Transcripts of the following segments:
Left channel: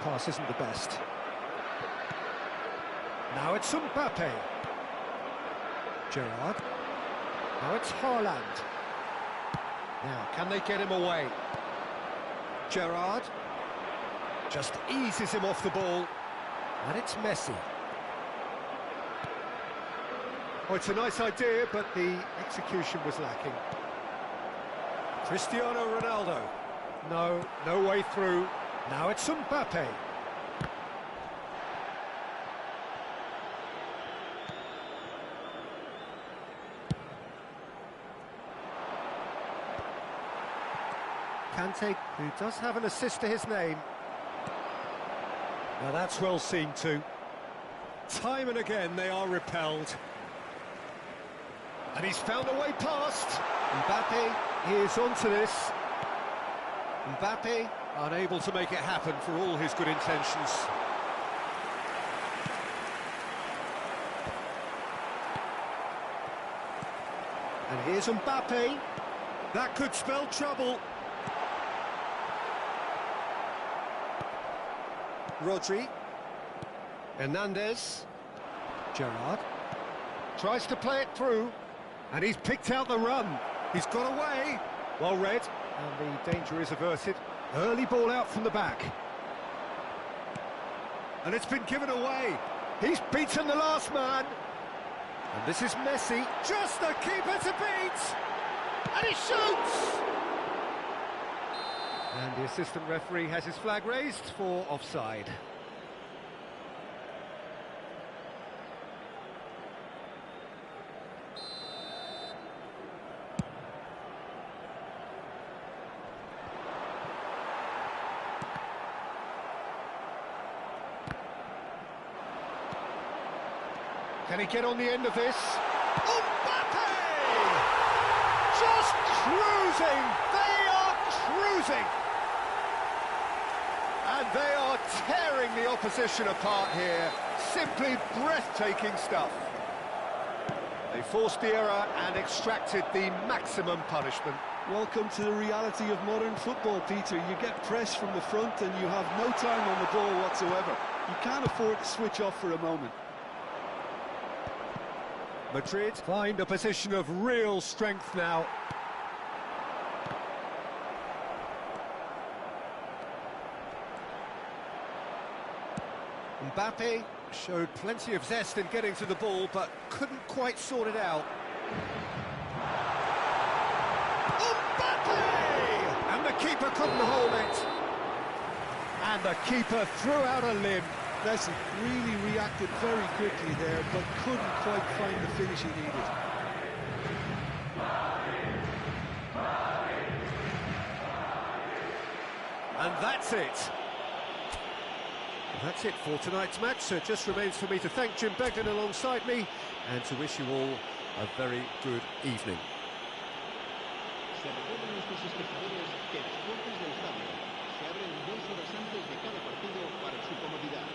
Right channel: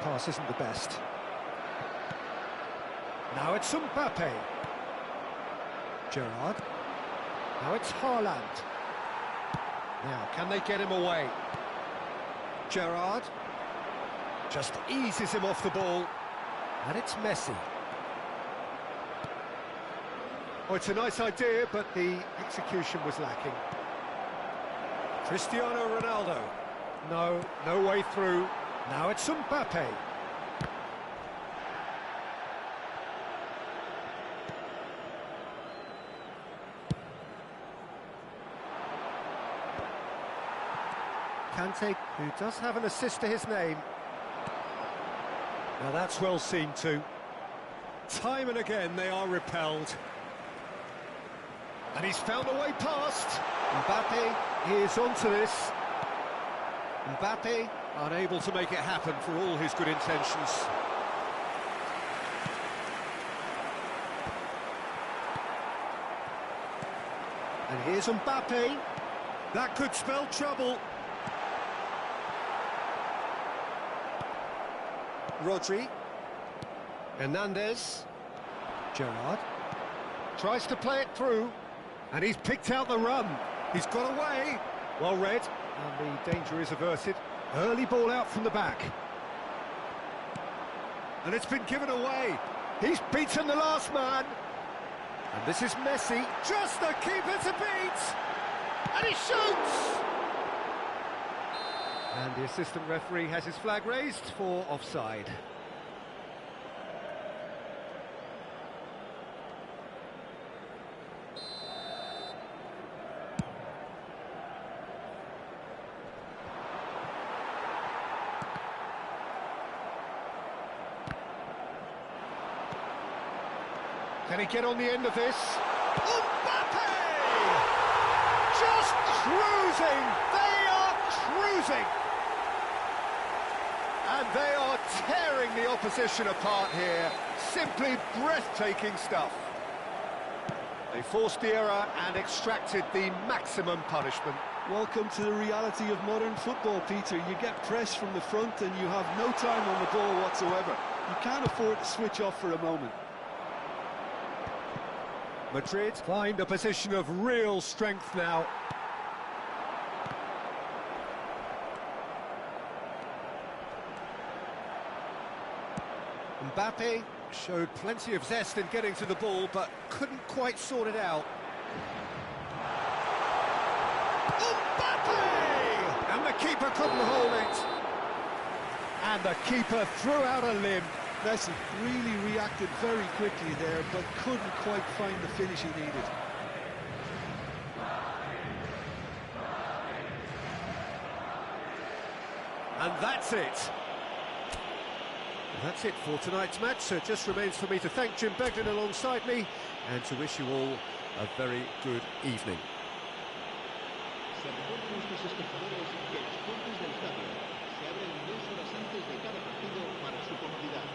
pass isn't the best. Now it's Mbappe. Gerrard. Now it's Haaland. Now, can they get him away? Gerrard. Just eases him off the ball. And it's Messi. Oh, it's a nice idea, but the execution was lacking. Cristiano Ronaldo. No, no way through. Now it's Mbappe. Kante, who does have an assist to his name. Now that's well seen too. Time and again they are repelled. And he's found a way past. Mbappe is onto this. Mbappe unable to make it happen for all his good intentions. And here's Mbappe. That could spell trouble. Rodri. Hernandez. Gerrard. Tries to play it through. And he's picked out the run. He's got away. Well read. And the danger is averted. Early ball out from the back. And it's been given away. He's beaten the last man. And this is Messi. Just the keeper to beat. And he shoots. And the assistant referee has his flag raised for offside. Can he get on the end of this? Mbappe! Just cruising! They are cruising! And they are tearing the opposition apart here. Simply breathtaking stuff. They forced the error and extracted the maximum punishment. Welcome to the reality of modern football, Peter. You get pressed from the front and you have no time on the ball whatsoever. You can't afford to switch off for a moment. Madrid find a position of real strength now. Mbappe showed plenty of zest in getting to the ball, but couldn't quite sort it out. Mbappe! And the keeper couldn't hold it. And the keeper threw out a limb. Messi really reacted very quickly there, but couldn't quite find the finish he needed. And that's it. That's it for tonight's match, so it just remains for me to thank Jim Beglin alongside me and to wish you all a very good evening. Se recuerda a nuestros espectadores que las puertas del estadio se abren 2 horas antes de cada partido para su comodidad.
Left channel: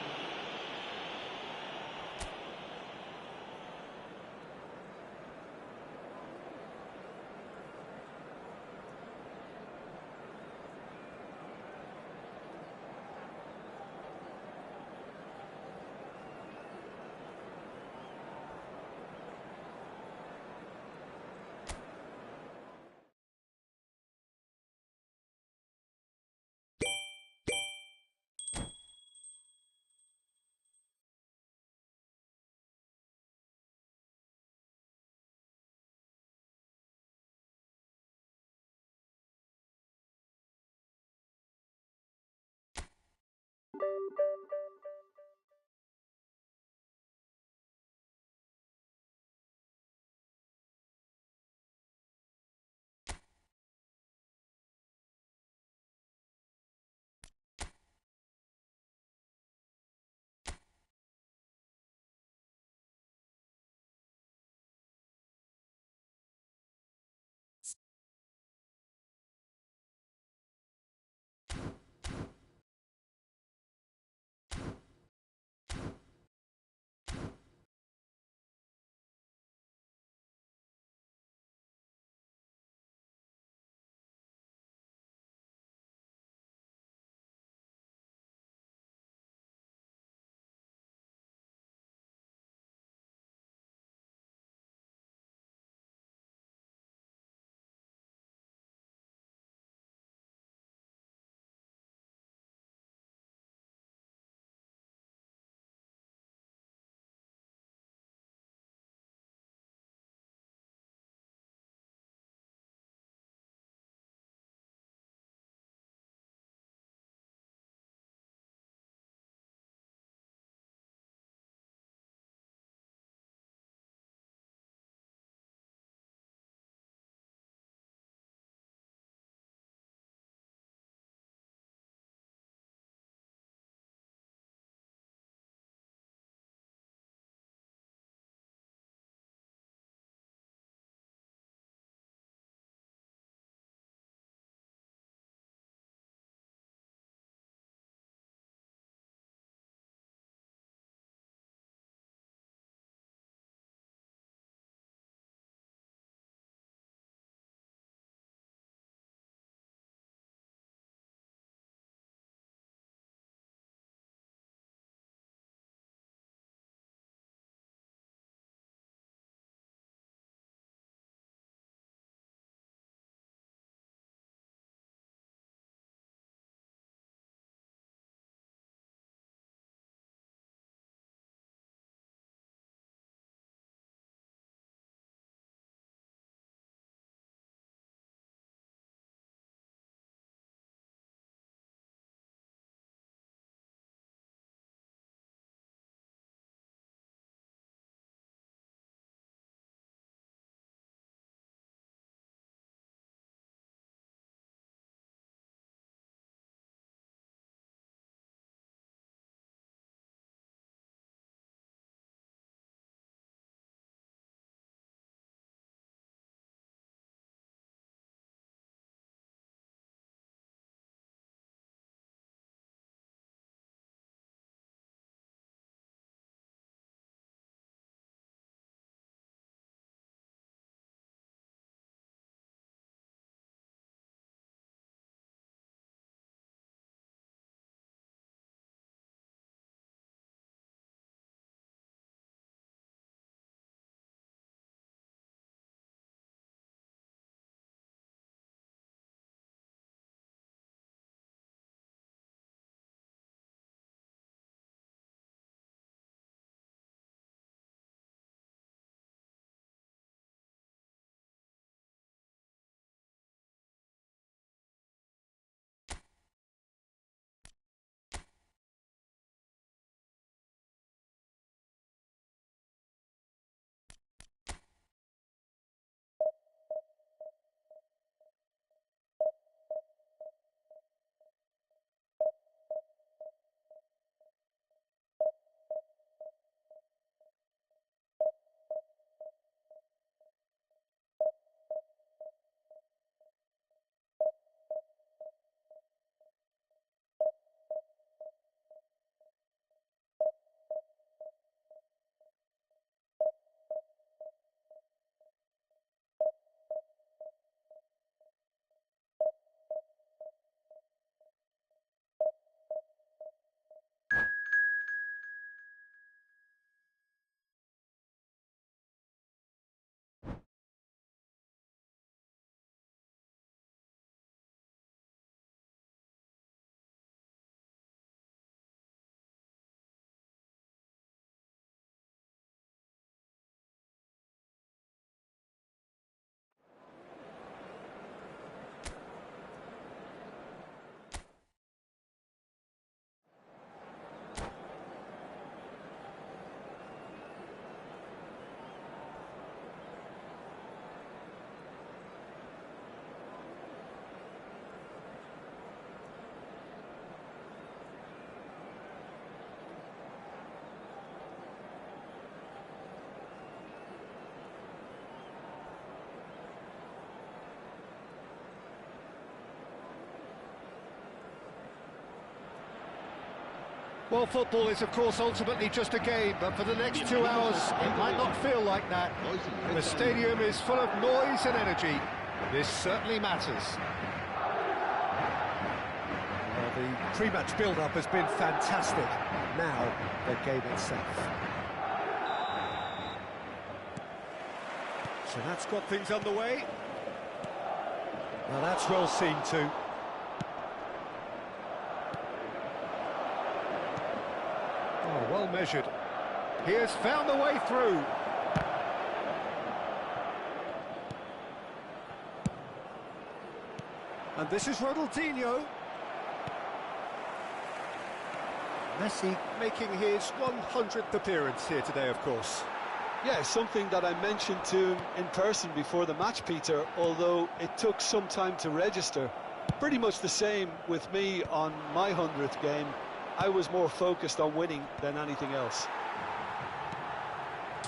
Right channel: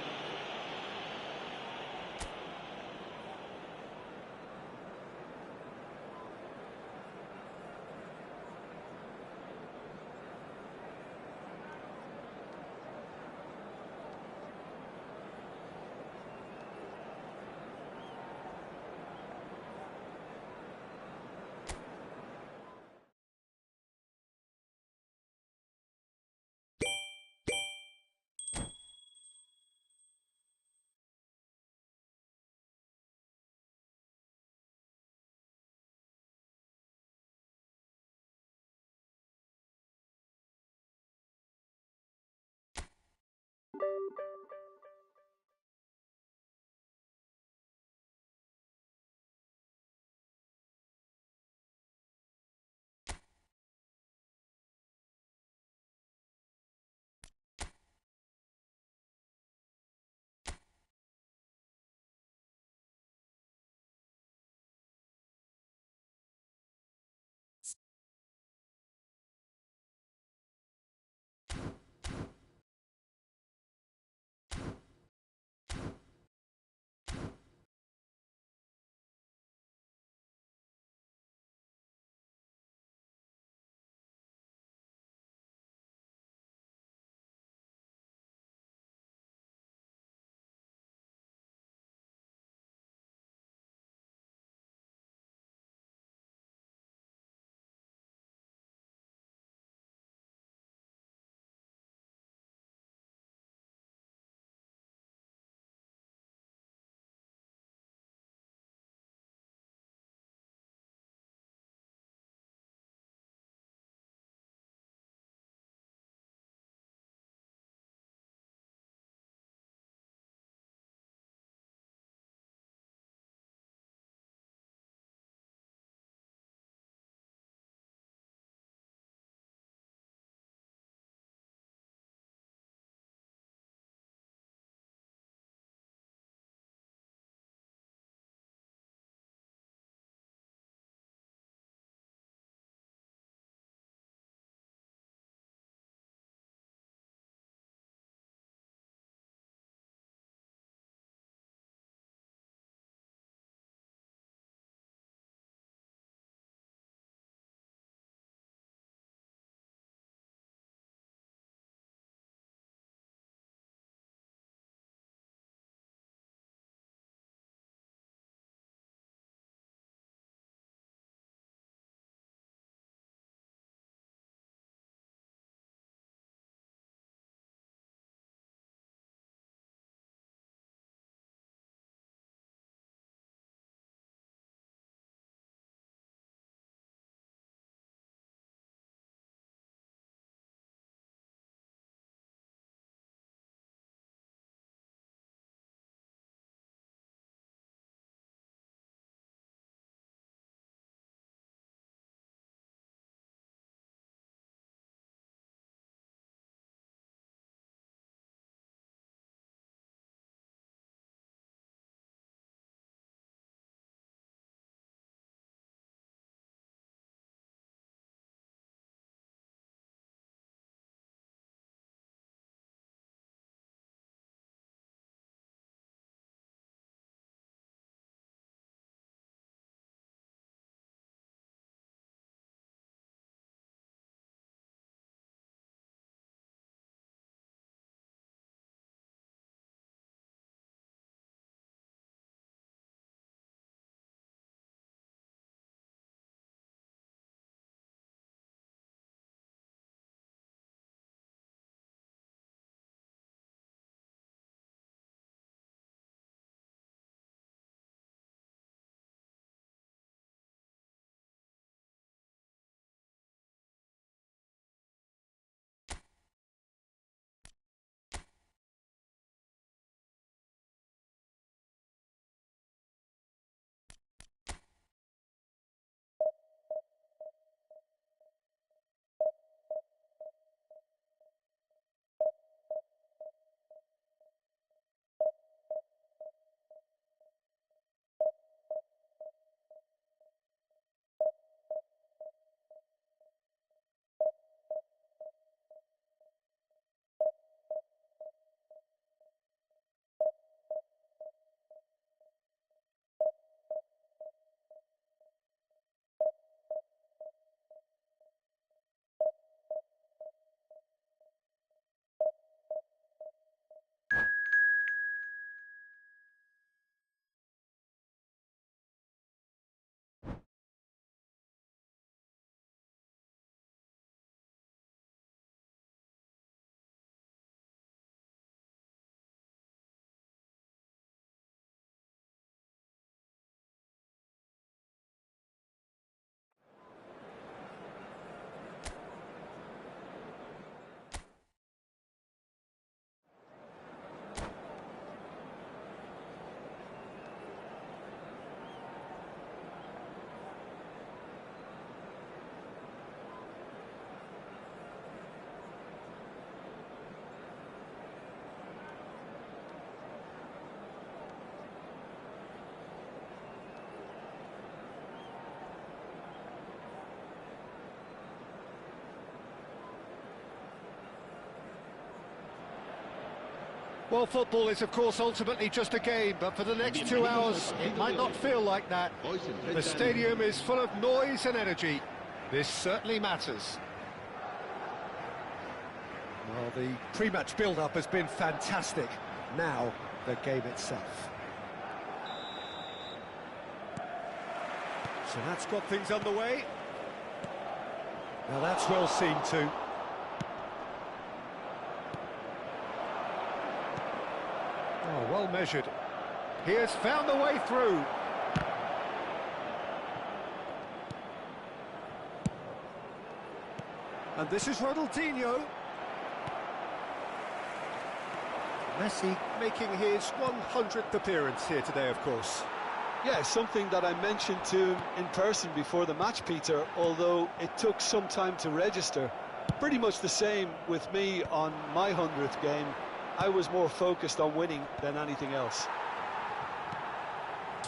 Well, football is, of course, ultimately just a game, but for the next 2 hours, it might not feel like that. The stadium is full of noise and energy. This certainly matters. Well, the pre-match build-up has been fantastic. Now, the game itself. So that's got things underway. Now that's well seen too. Oh, well measured. He has found the way through. And this is Ronaldinho. Messi making his 100th appearance here today, of course. Yeah, something that I mentioned to him in person before the match, Peter, although it took some time to register. Pretty much the same with me on my 100th game. I was more focused on winning than anything else.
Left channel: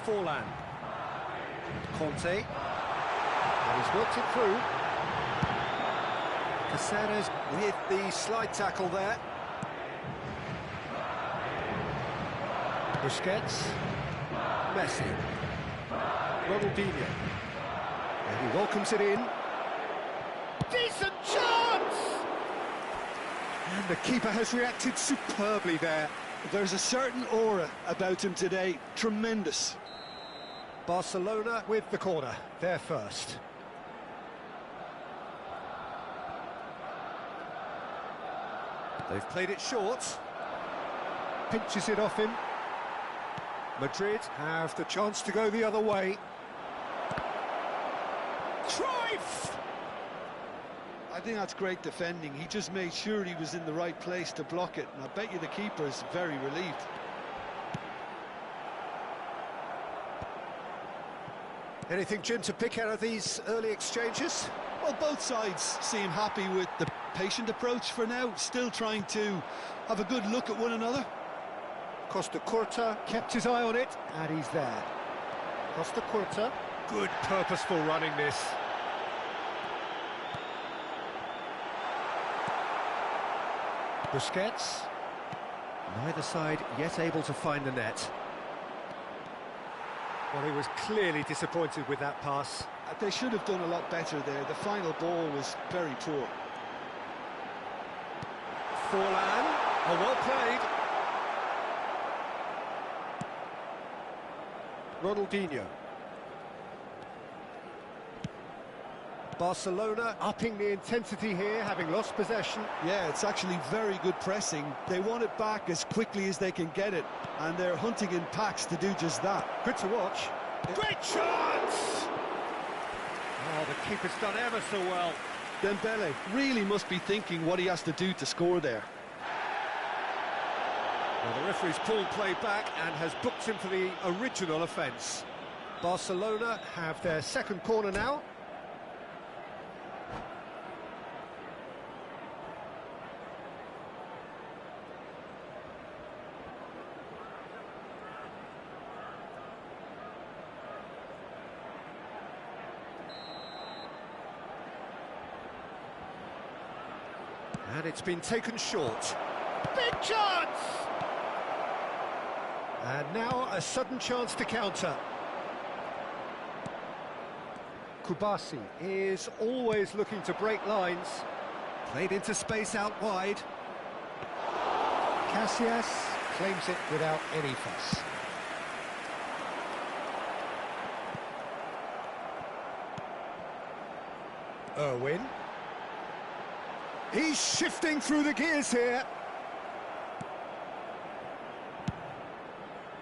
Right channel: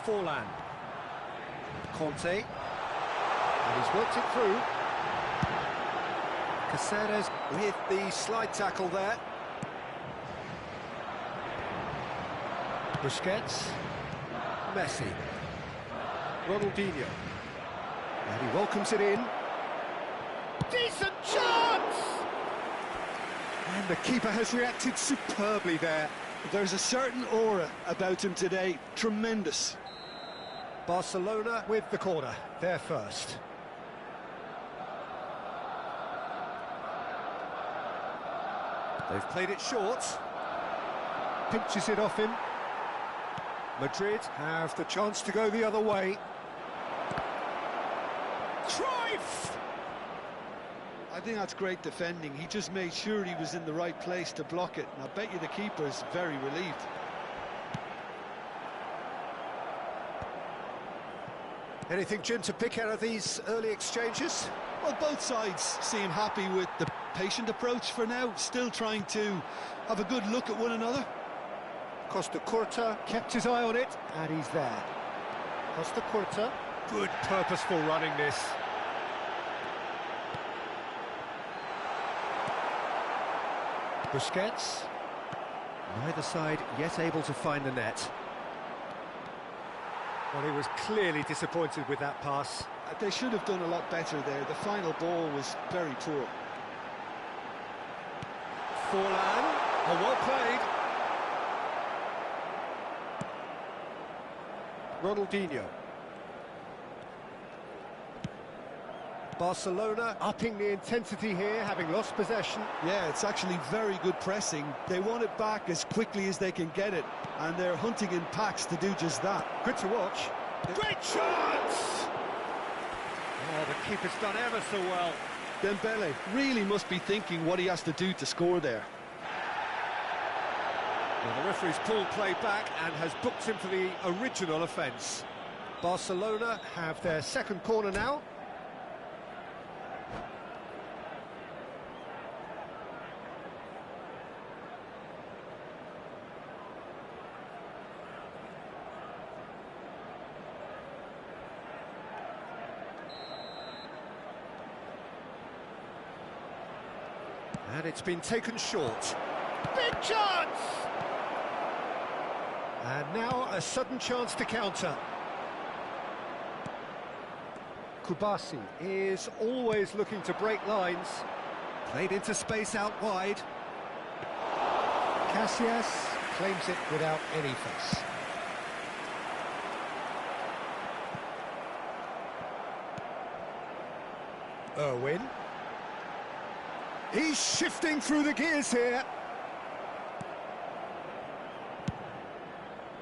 Forlan. Conte. And he's worked it through. Caceres with the slide tackle there. Busquets. Messi. Ronaldinho. And he welcomes it in. Decent chance! And the keeper has reacted superbly there. There's a certain aura about him today. Tremendous. Barcelona with the corner. They're first. They've played it short. Pinches it off him. Madrid have the chance to go the other way. Cruyff! I think that's great defending. He just made sure he was in the right place to block it, and I bet you the keeper's very relieved. Anything, Jim, to pick out of these early exchanges? Well, both sides seem happy with the patient approach for now, still trying to have a good look at one another. Costa Curta kept his eye on it, and he's there. Costa Curta, good purposeful running this. Busquets, neither side yet able to find the net. Well, he was clearly disappointed with that pass. They should have done a lot better there. The final ball was very poor. Forlan, oh, well played. Ronaldinho. Barcelona upping the intensity here, having lost possession. Yeah, it's actually very good pressing. They want it back as quickly as they can get it, and they're hunting in packs to do just that. Good to watch. Great chance! Oh, the keeper's done ever so well. Dembele really must be thinking what he has to do to score there. Well, the referee's pulled play back and has booked him for the original offence. Barcelona have their second corner now. And it's been taken short. Big chance! And now a sudden chance to counter. Kubasi is always looking to break lines. Played into space out wide. Casillas claims it without any fuss. Irwin. He's shifting through the gears here.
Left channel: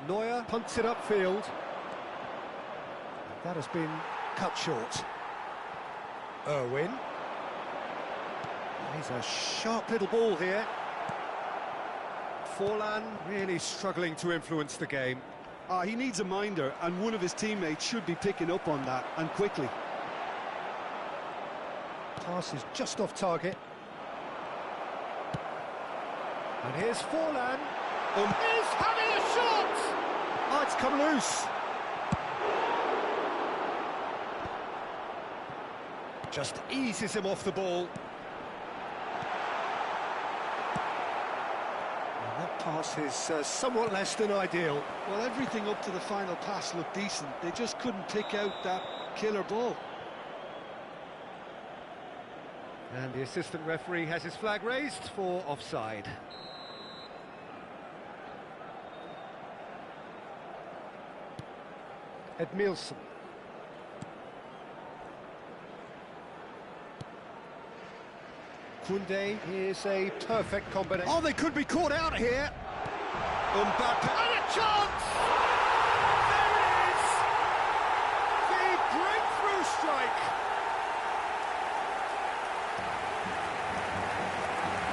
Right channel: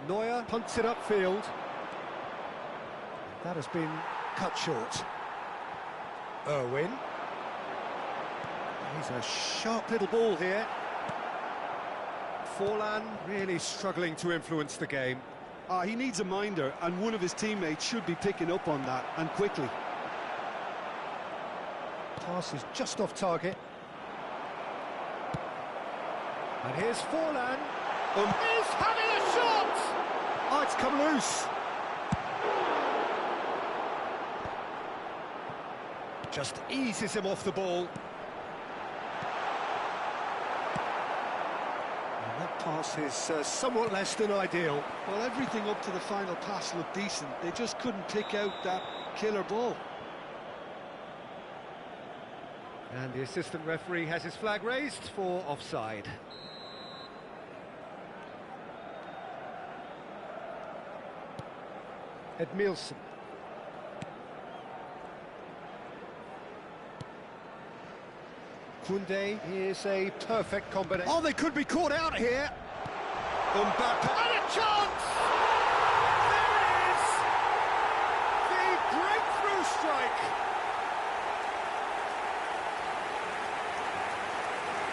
Neuer punts it upfield. That has been cut short. Irwin. He's a sharp little ball here. Forlan really struggling to influence the game. He needs a minder, and one of his teammates should be picking up on that, and quickly. Pass is just off target. And here's Forlan. He's having a shot! Oh, it's come loose. Just eases him off the ball. And that pass is somewhat less than ideal. Well, everything up to the final pass looked decent. They just couldn't pick out that killer ball. And the assistant referee has his flag raised for offside. Edmilson. Koundé is a perfect combination. Oh, they could be caught out here. Mbappe. And a chance! There it is! The breakthrough strike.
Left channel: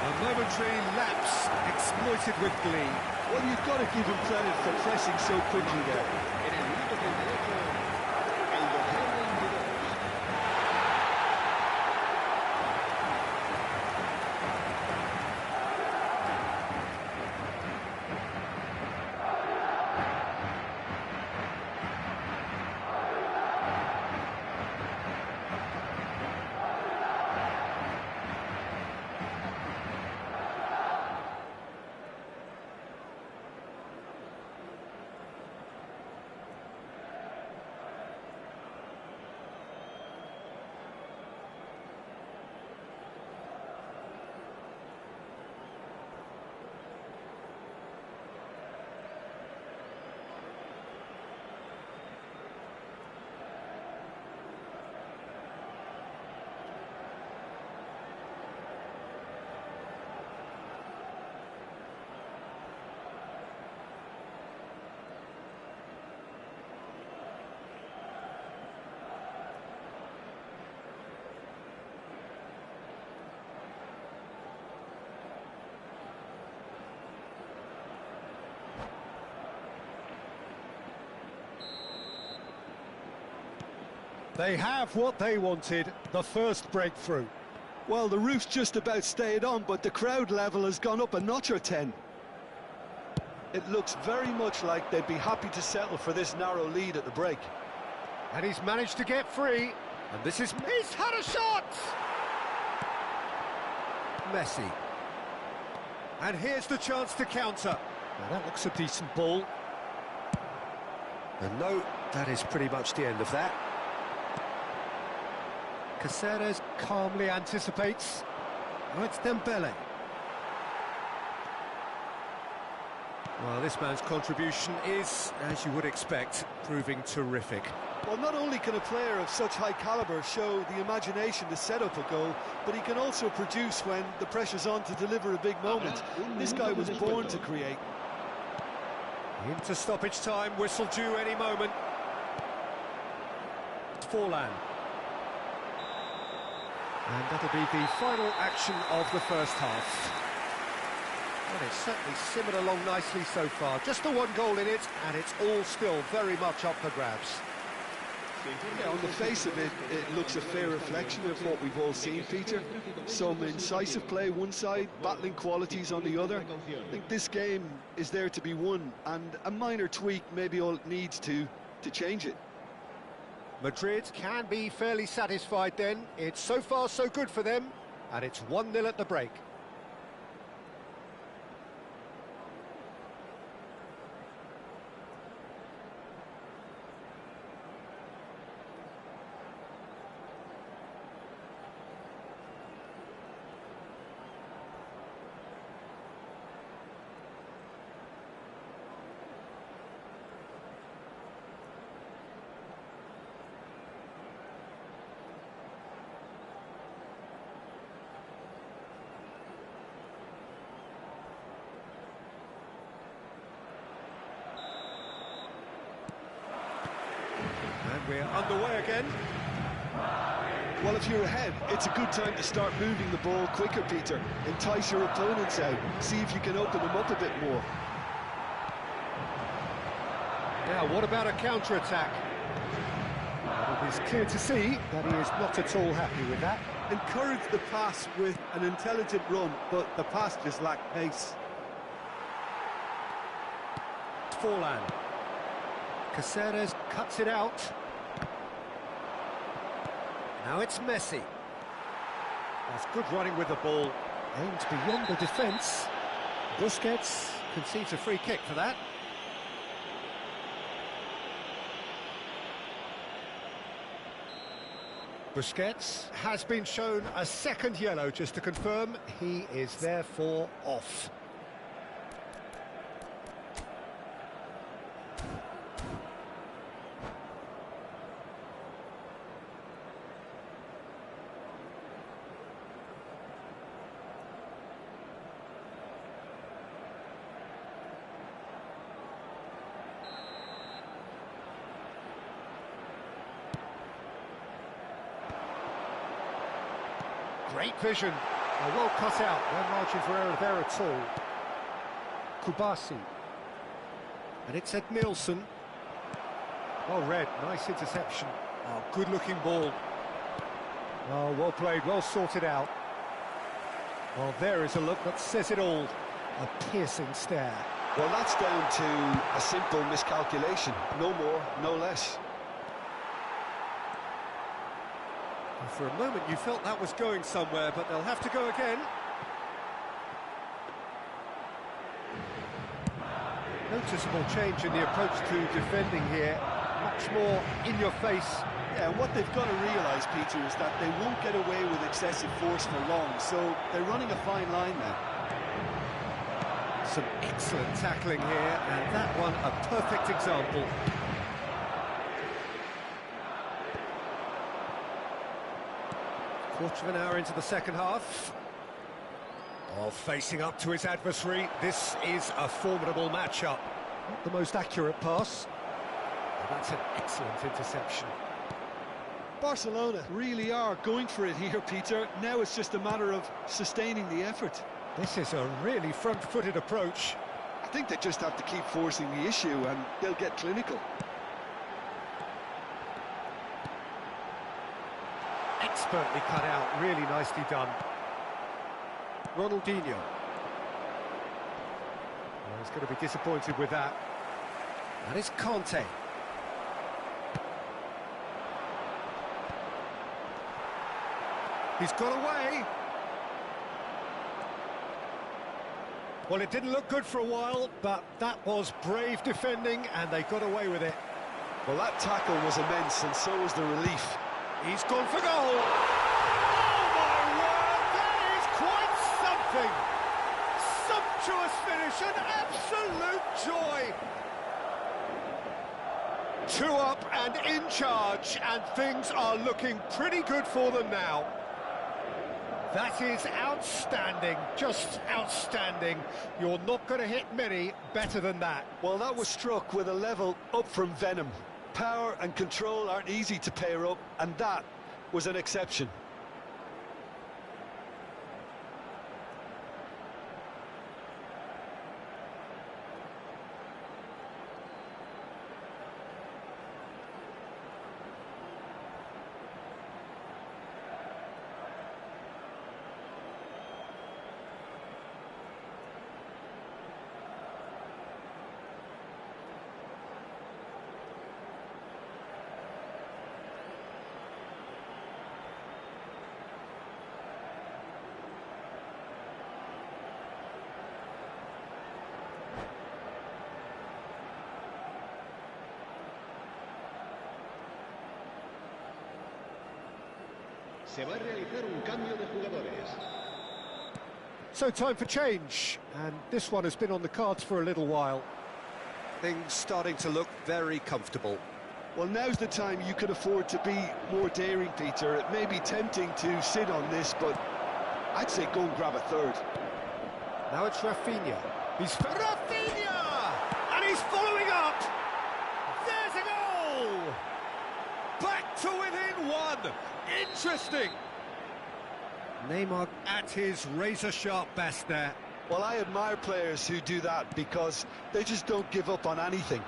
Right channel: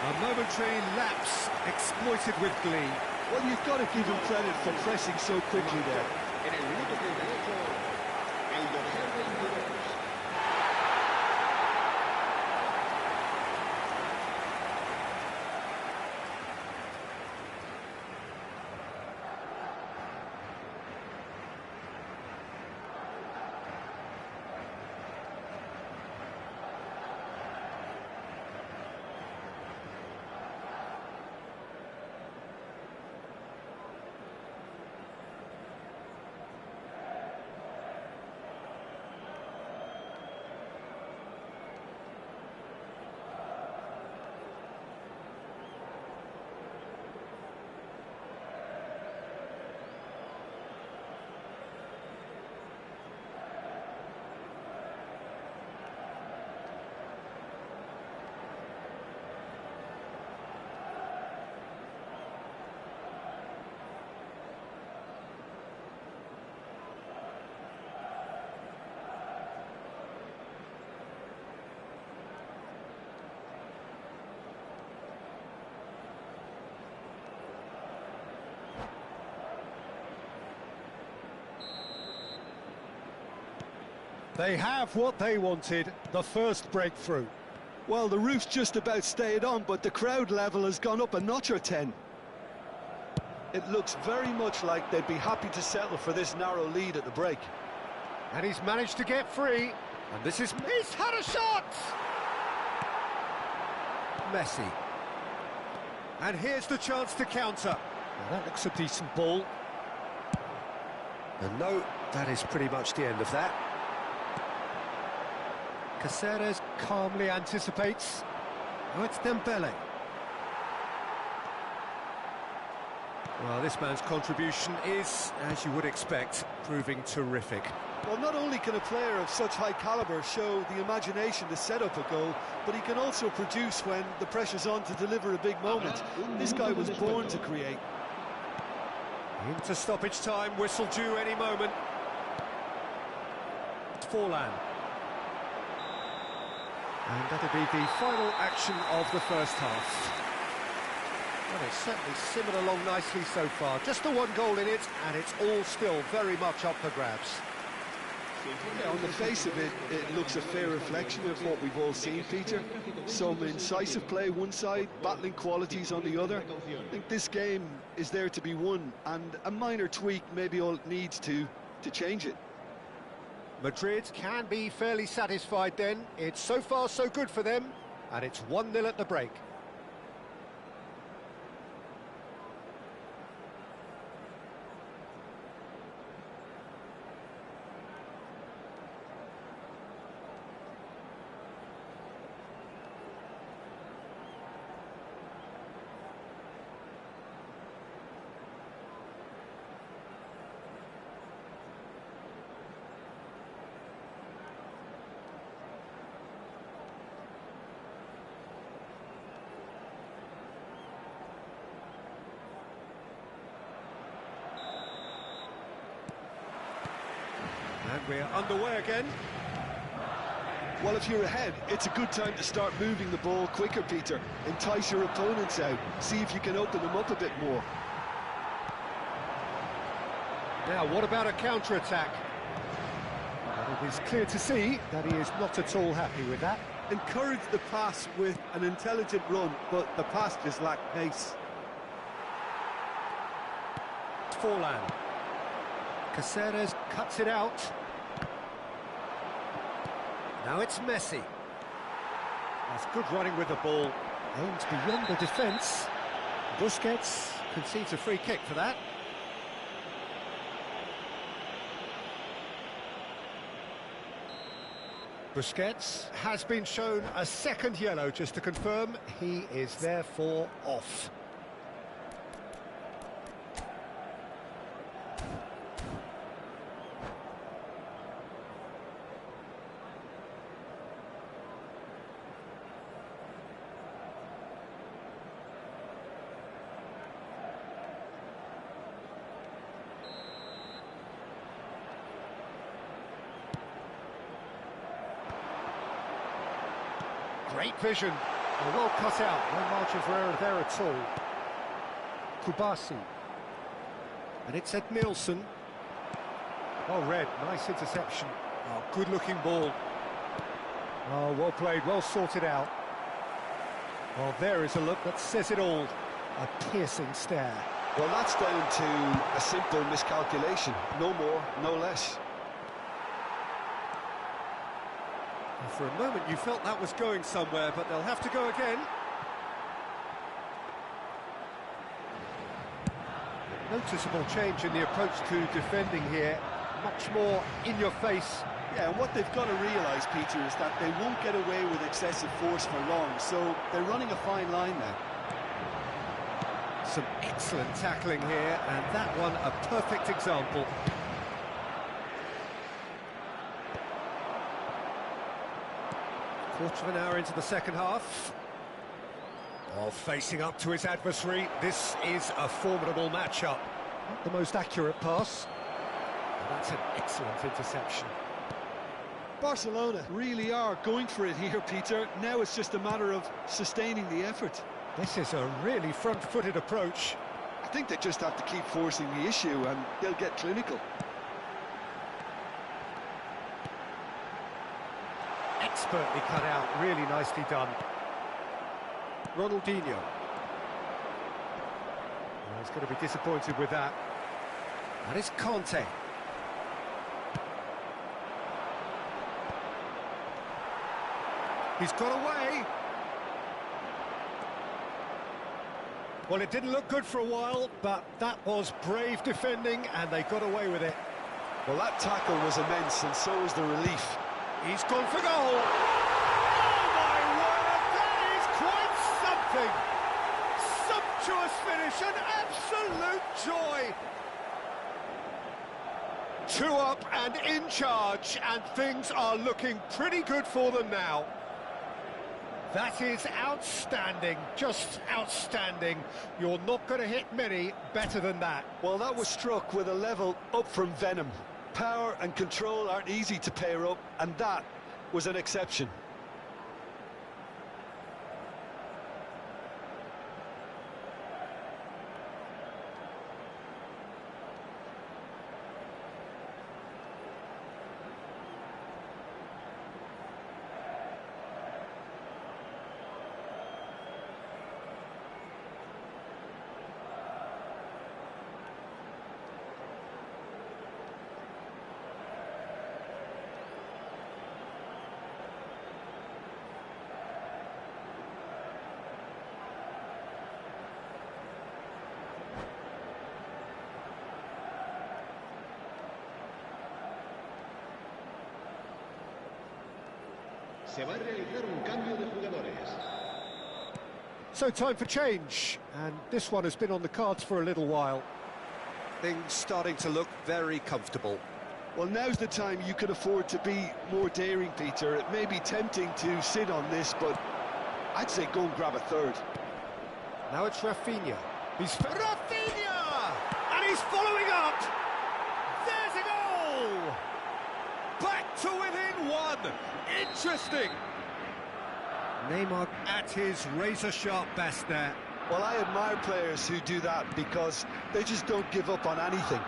A momentary lapse exploited with glee. Well, you've got to give him credit for pressing so quickly there. En el minuto 38, el dorsal 22. They have what they wanted, the first breakthrough. Well, the roof's just about stayed on, but the crowd level has gone up a notch or 10. It looks very much like they'd be happy to settle for this narrow lead at the break. And he's managed to get free. And this is... He's had a shot! Messi. And here's the chance to counter. Now that looks a decent ball. And no, that is pretty much the end of that. Caceres calmly anticipates. Oh, it's Dembele. Well, this man's contribution is, as you would expect, proving terrific. Well, not only can a player of such high calibre show the imagination to set up a goal, but he can also produce when the pressure's on to deliver a big moment. This guy was born to create. Into stoppage time, whistle due any moment. Forlan. And that'll be the final action of the first half. Well, it's certainly simmered along nicely so far. Just the one goal in it, and it's all still very much up for grabs. Yeah, on the face of it, it looks a fair reflection of what we've all seen, Peter. Some incisive play one side, battling qualities on the other. I think this game is there to be won, and a minor tweak maybe all it needs to change it. Madrid can be fairly satisfied then. It's so far so good for them, and it's 1-0 at the break. And we're underway again. Well, if you're ahead, it's a good time to start moving the ball quicker, Peter. Entice your opponents out. See if you can open them up a bit more. Now, what about a counter-attack? Well, it is clear to see that he is not at all happy with that. Encourage the pass with an intelligent run, but the pass just lacked pace. Forlan. Caceres cuts it out. Now it's Messi. That's good running with the ball. Aimed beyond the defence. Busquets concedes a free kick for that. Busquets has been shown a second yellow, just to confirm he is therefore off. Great vision. Oh, well cut out. No margin for error there at all. Kubasi. And it's Ed Nielsen. Well read. Nice interception. Oh, good-looking ball. Oh, well played. Well sorted out. Well, there is a look that says it all. A piercing stare. Well, that's down to a simple miscalculation. No more, no less. For a moment you felt that was going somewhere, but they'll have to go again. Noticeable change in the approach to defending here. Much more in your face. Yeah, and what they've got to realise, Peter, is that they won't get away with excessive force for long, so they're running a fine line now. Some excellent tackling here, and that one a perfect example. Quarter of an hour into the second half. Oh, facing up to his adversary, this is a formidable matchup. Not the most accurate pass. Well, that's an excellent interception. Barcelona really are going for it here, Peter. Now it's just a matter of sustaining the effort. This is a really front-footed approach. I think they just have to keep forcing the issue and they'll get clinical. Expertly cut out, really nicely done. Ronaldinho. Well, he's going to be disappointed with that. That is Conte. He's got away. Well, it didn't look good for a while, but that was brave defending, and they got away with it. Well, that tackle was immense, and so was the relief. He's gone for goal. Oh, my word, that is quite something. Sumptuous finish, an absolute joy. 2 up and in charge, and things are looking pretty good for them now. That is outstanding, just outstanding. You're not going to hit many better than that. Well, that was struck with a level up from venom. Power and control aren't easy to pair up, and that was an exception. Se va a realizar un cambio de jugadores. So time for change, and this one has been on the cards for a little while. Things starting to look very comfortable. Well, now's the time you could afford to be more daring, Peter. It may be tempting to sit on this, but I'd say go and grab a third. Now it's Rafinha. He's Rafinha! And he's following up! There's a goal! Back to within 1! Interesting! Neymar at his razor-sharp best there. Well, I admire players who do that because they just don't give up on anything.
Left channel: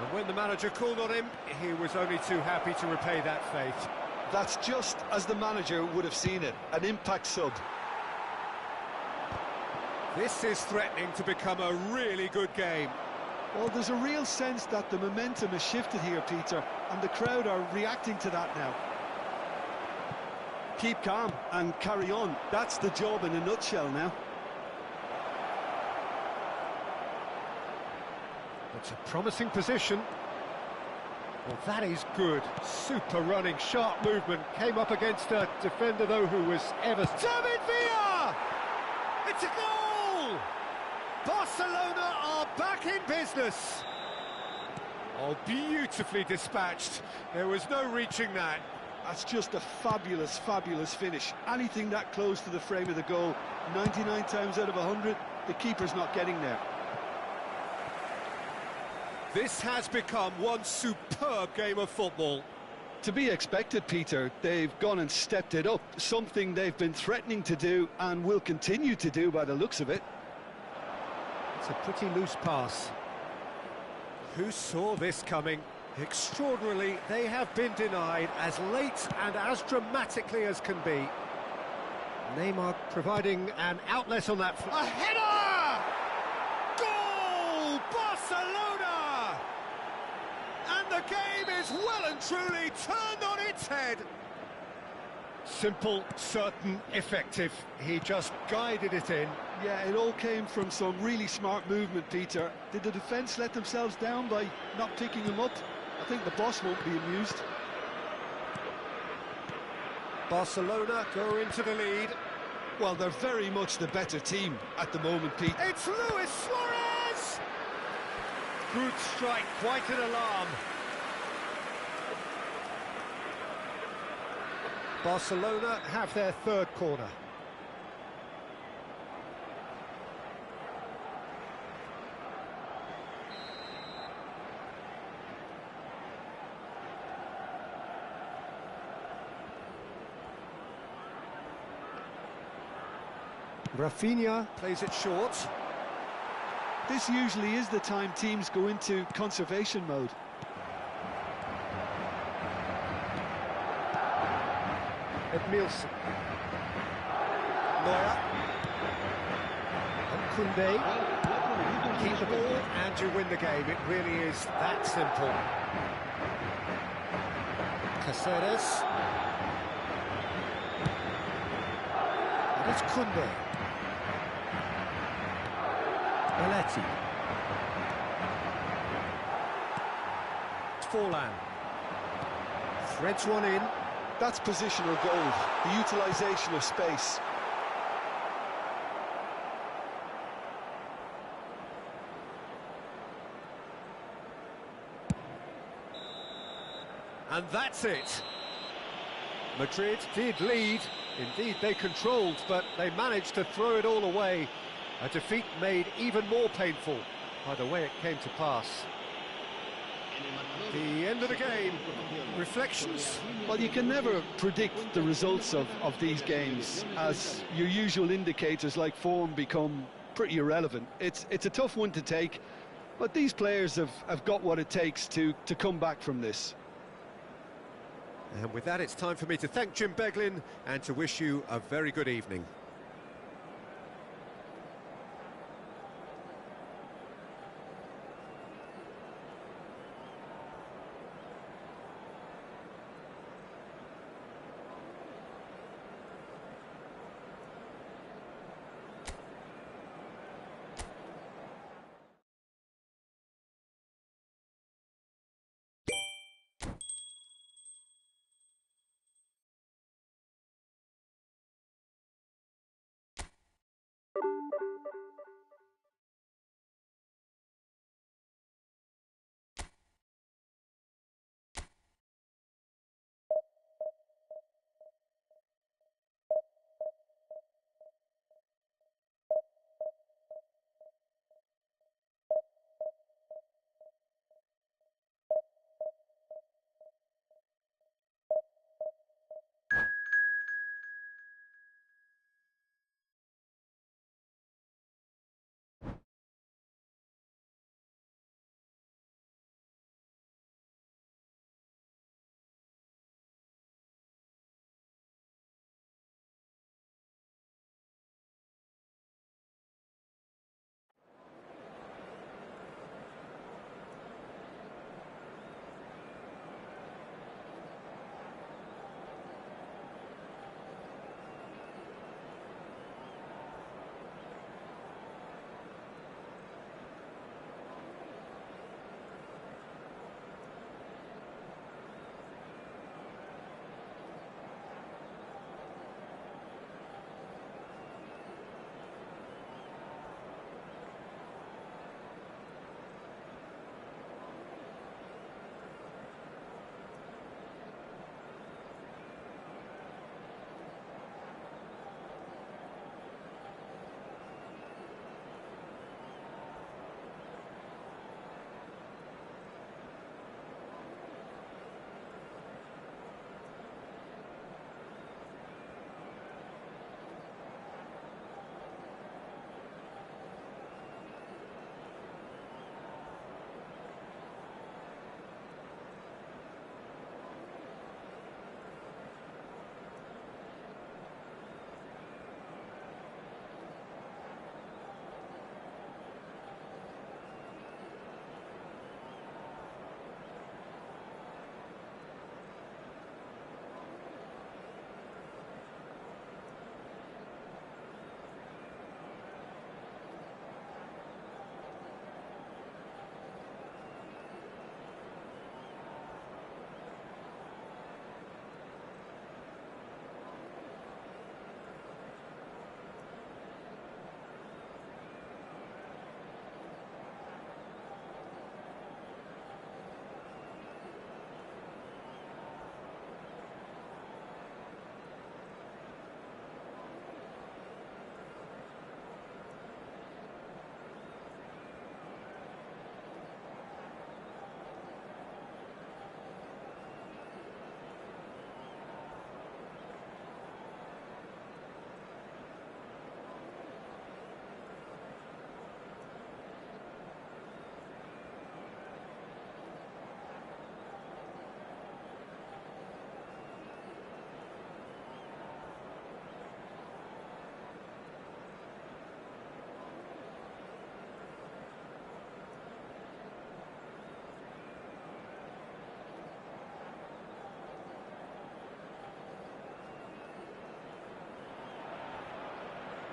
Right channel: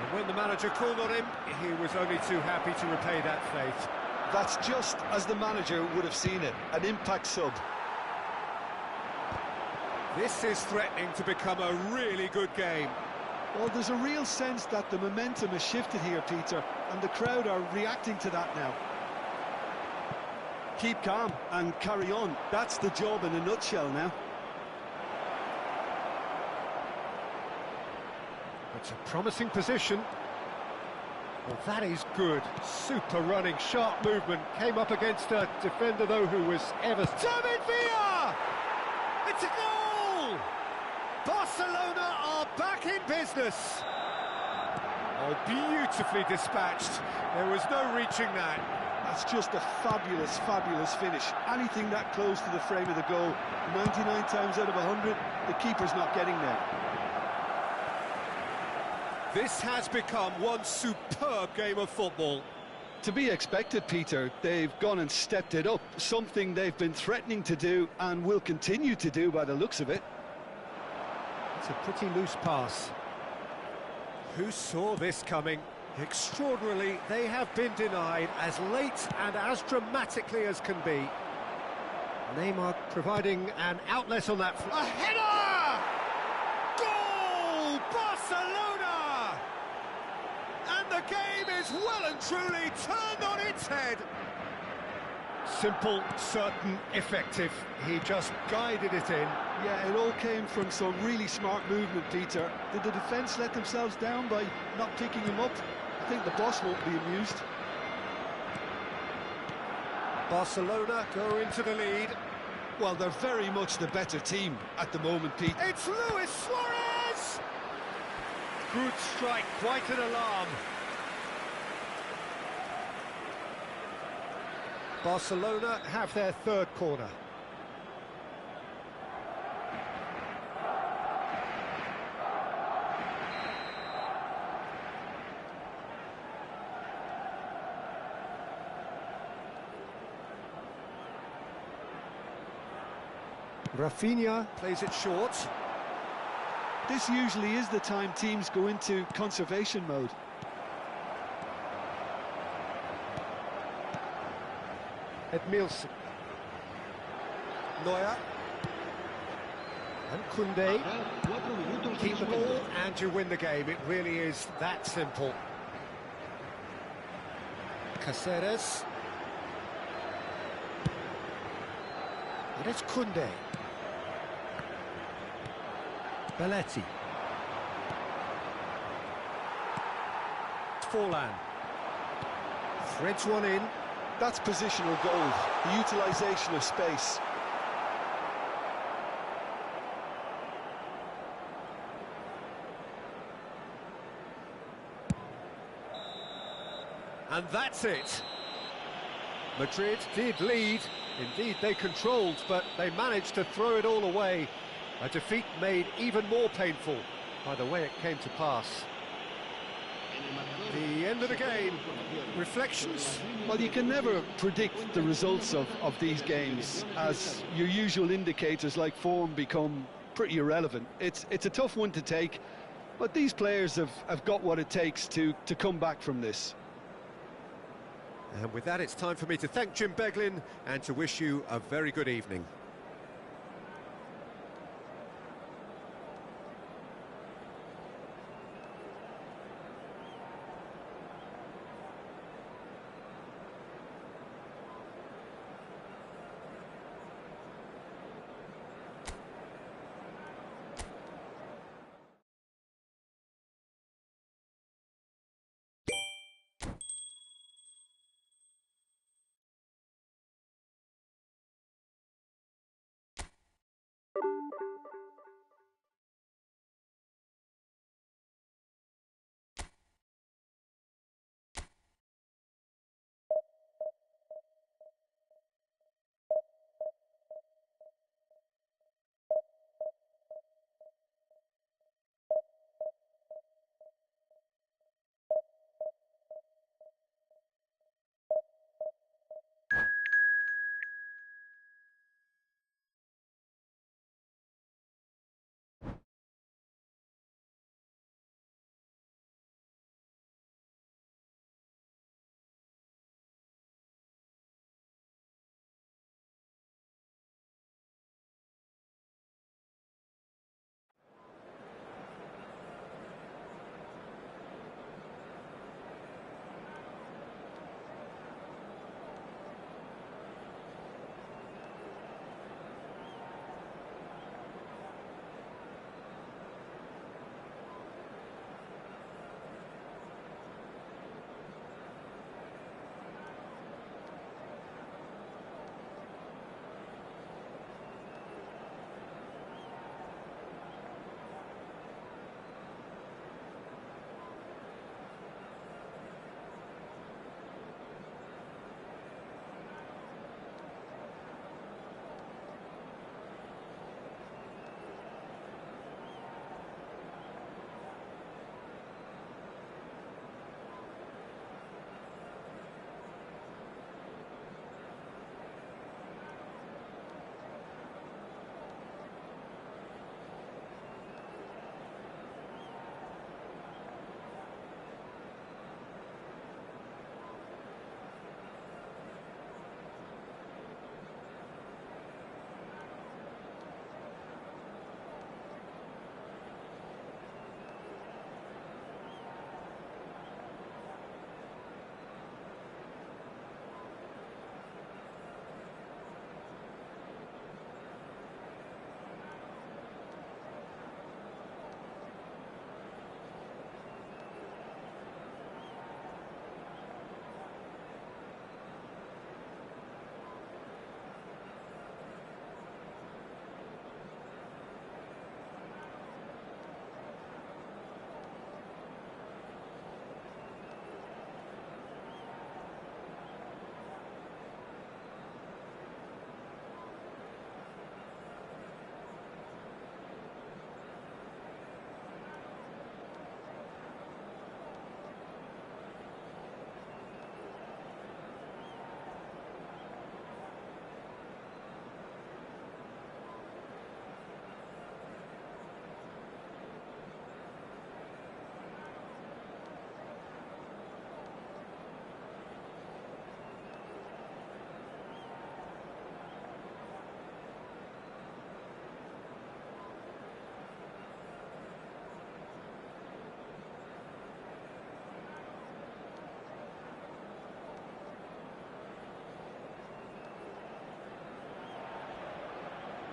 And when the manager called on him, he was only too happy to repay that faith. That's just as the manager would have seen it, an impact sub. This is threatening to become a really good game. Well, there's a real sense that the momentum has shifted here, Peter, and the crowd are reacting to that now. Keep calm and carry on. That's the job in a nutshell now. It's a promising position. Well, that is good. Super running, sharp movement. Came up against a defender, though, who was ever... David Villa! It's a goal! Barcelona are back in business. Oh, beautifully dispatched. There was no reaching that. That's just a fabulous, fabulous finish. Anything that close to the frame of the goal, 99 times out of 100, the keeper's not getting there. This has become one superb game of football. To be expected, Peter. They've gone and stepped it up, something they've been threatening to do and will continue to do by the looks of it. It's a pretty loose pass. Who saw this coming? Extraordinarily, they have been denied as late and as dramatically as can be. Neymar providing an outlet on that... A header! Goal! Barcelona! And the game is well and truly turned on its head. Simple, certain, effective. He just guided it in. Yeah, it all came from some really smart movement, Peter. Did the defence let themselves down by not picking him up? I think the boss won't be amused. Barcelona go into the lead. Well, they're very much the better team at the moment, Pete. It's Luis Suarez! Good strike, quite an alarm. Barcelona have their third corner. Rafinha plays it short. This usually is the time teams go into conservation mode. Edmilson. Neuer. And Koundé. Keep the ball and you win the game. It really is that simple. Caceres. And it's Koundé. Belletti. Forlan. Threads one in. That's positional gold, the utilisation of space. And that's it. Madrid did lead. Indeed, they controlled, but they managed to throw it all away. A defeat made even more painful by the way it came to pass. The end of the game. Reflections? Well, you can never predict the results of these games, as your usual indicators like form become pretty irrelevant. It's a tough one to take, but these players have got what it takes to come back from this. And with that, it's time for me to thank Jim Beglin and to wish you a very good evening.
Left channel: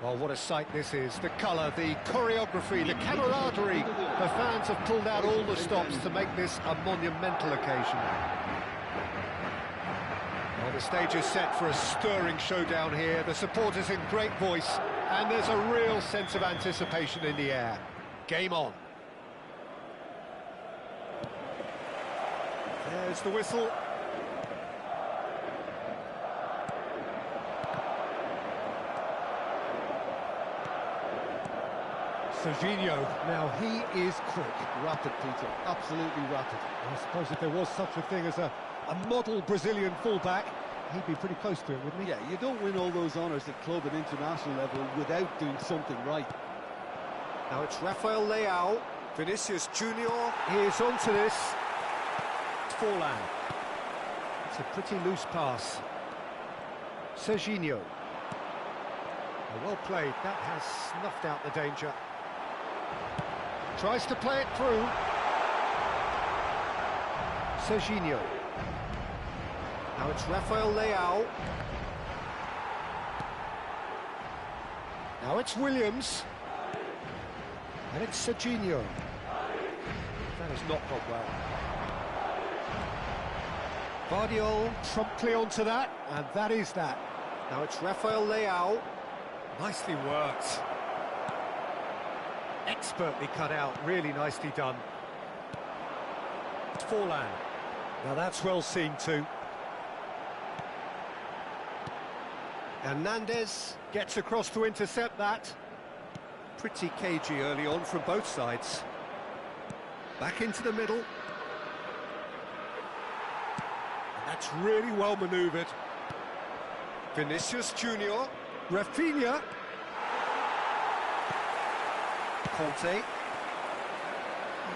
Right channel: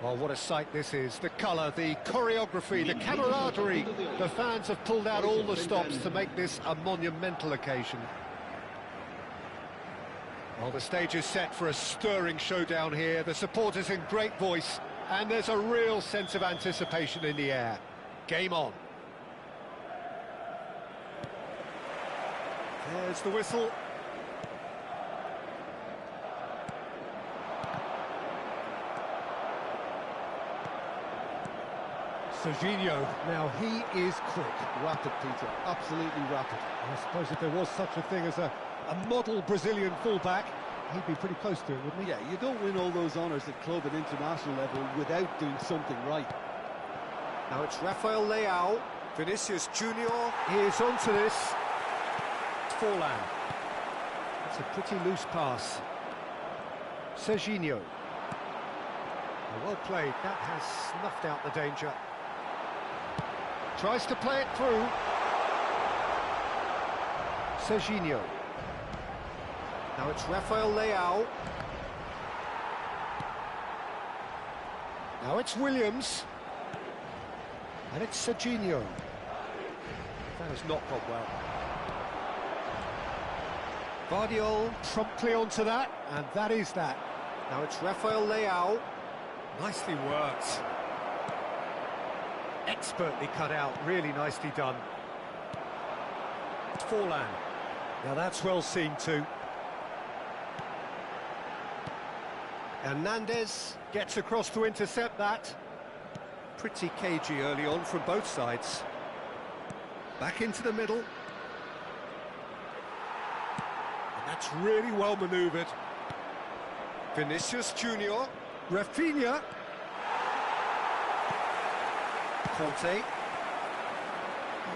Well, what a sight this is. The colour, the choreography, the camaraderie. The fans have pulled out all the stops to make this a monumental occasion. Well, the stage is set for a stirring showdown here. The supporters in great voice, and there's a real sense of anticipation in the air. Game on. There's the whistle. Serginho, now he is quick. Rapid, Peter, absolutely rapid. I suppose if there was such a thing as a model Brazilian fullback, he'd be pretty close to it, wouldn't he? Yeah, you don't win all those honours at club and international level without doing something right. Now it's Rafael Leao. Vinicius Junior is onto this. It's Forlan. It's a pretty loose pass. Serginho. Well played. That has snuffed out the danger. Tries to play it through. Serginho. Now it's Rafael Leao. Now it's Williams. And it's Serginho. That has not gone well. Guardiola promptly onto that, and that is that. Now it's Rafael Leao. Nicely worked. Expertly cut out, really nicely done. It's Forlan. Now that's well seen too. Hernandez gets across to intercept that. Pretty cagey early on from both sides. Back into the middle. And that's really well manoeuvred. Vinicius Junior. Rafinha. Conte.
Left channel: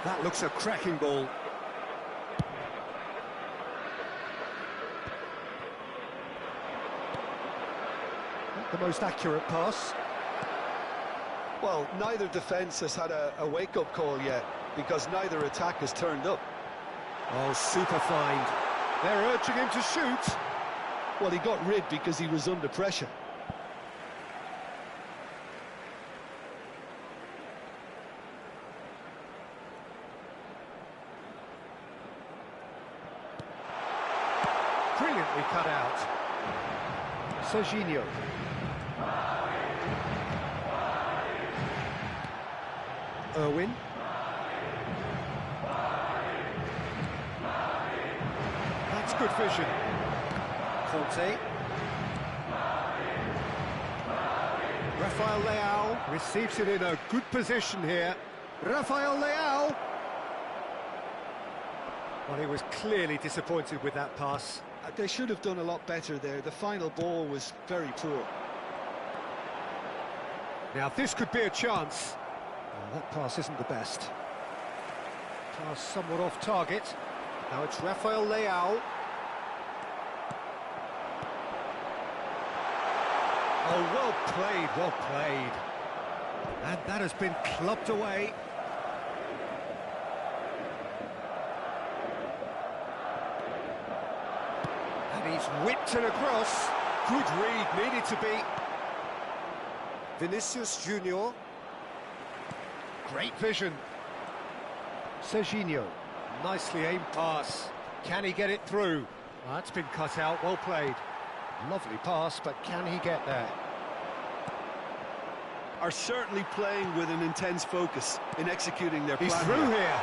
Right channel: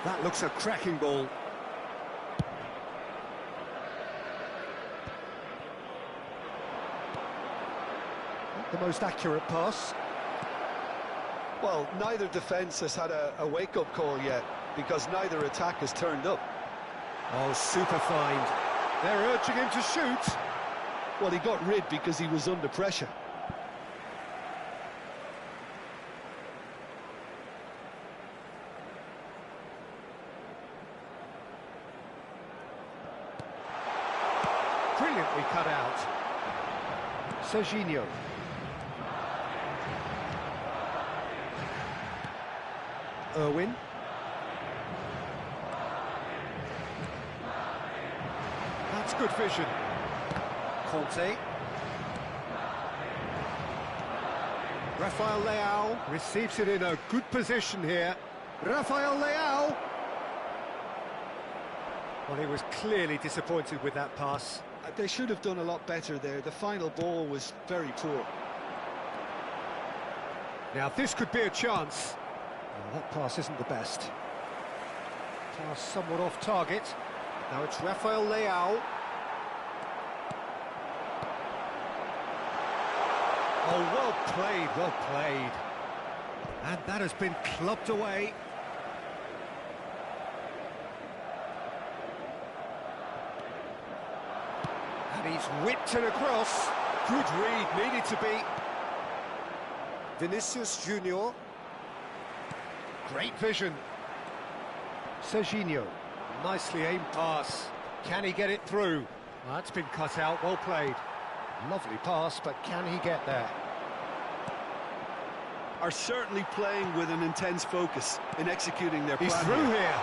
That looks a cracking ball. Not the most accurate pass. Well, neither defence has had a wake-up call yet, because neither attack has turned up. Oh, super find. They're urging him to shoot. Well, he got rid because he was under pressure. Brilliantly cut out. Serginho. Irwin. That's good vision. Conte. Rafael Leao receives it in a good position here. Rafael Leao. Well, he was clearly disappointed with that pass. They should have done a lot better there. The final ball was very poor. Now, this could be a chance. Oh, that pass isn't the best. Pass somewhat off target. Now it's Rafael Leao. Oh, well played, well played. And that has been clubbed away. And he's whipped it across. Good read, needed to be. Vinicius Junior. Great vision. Serginho. Nicely aimed pass. Can he get it through? Well, that's been cut out, well played. Lovely pass, but can he get there? Are certainly playing with an intense focus in executing their plan. He's through here.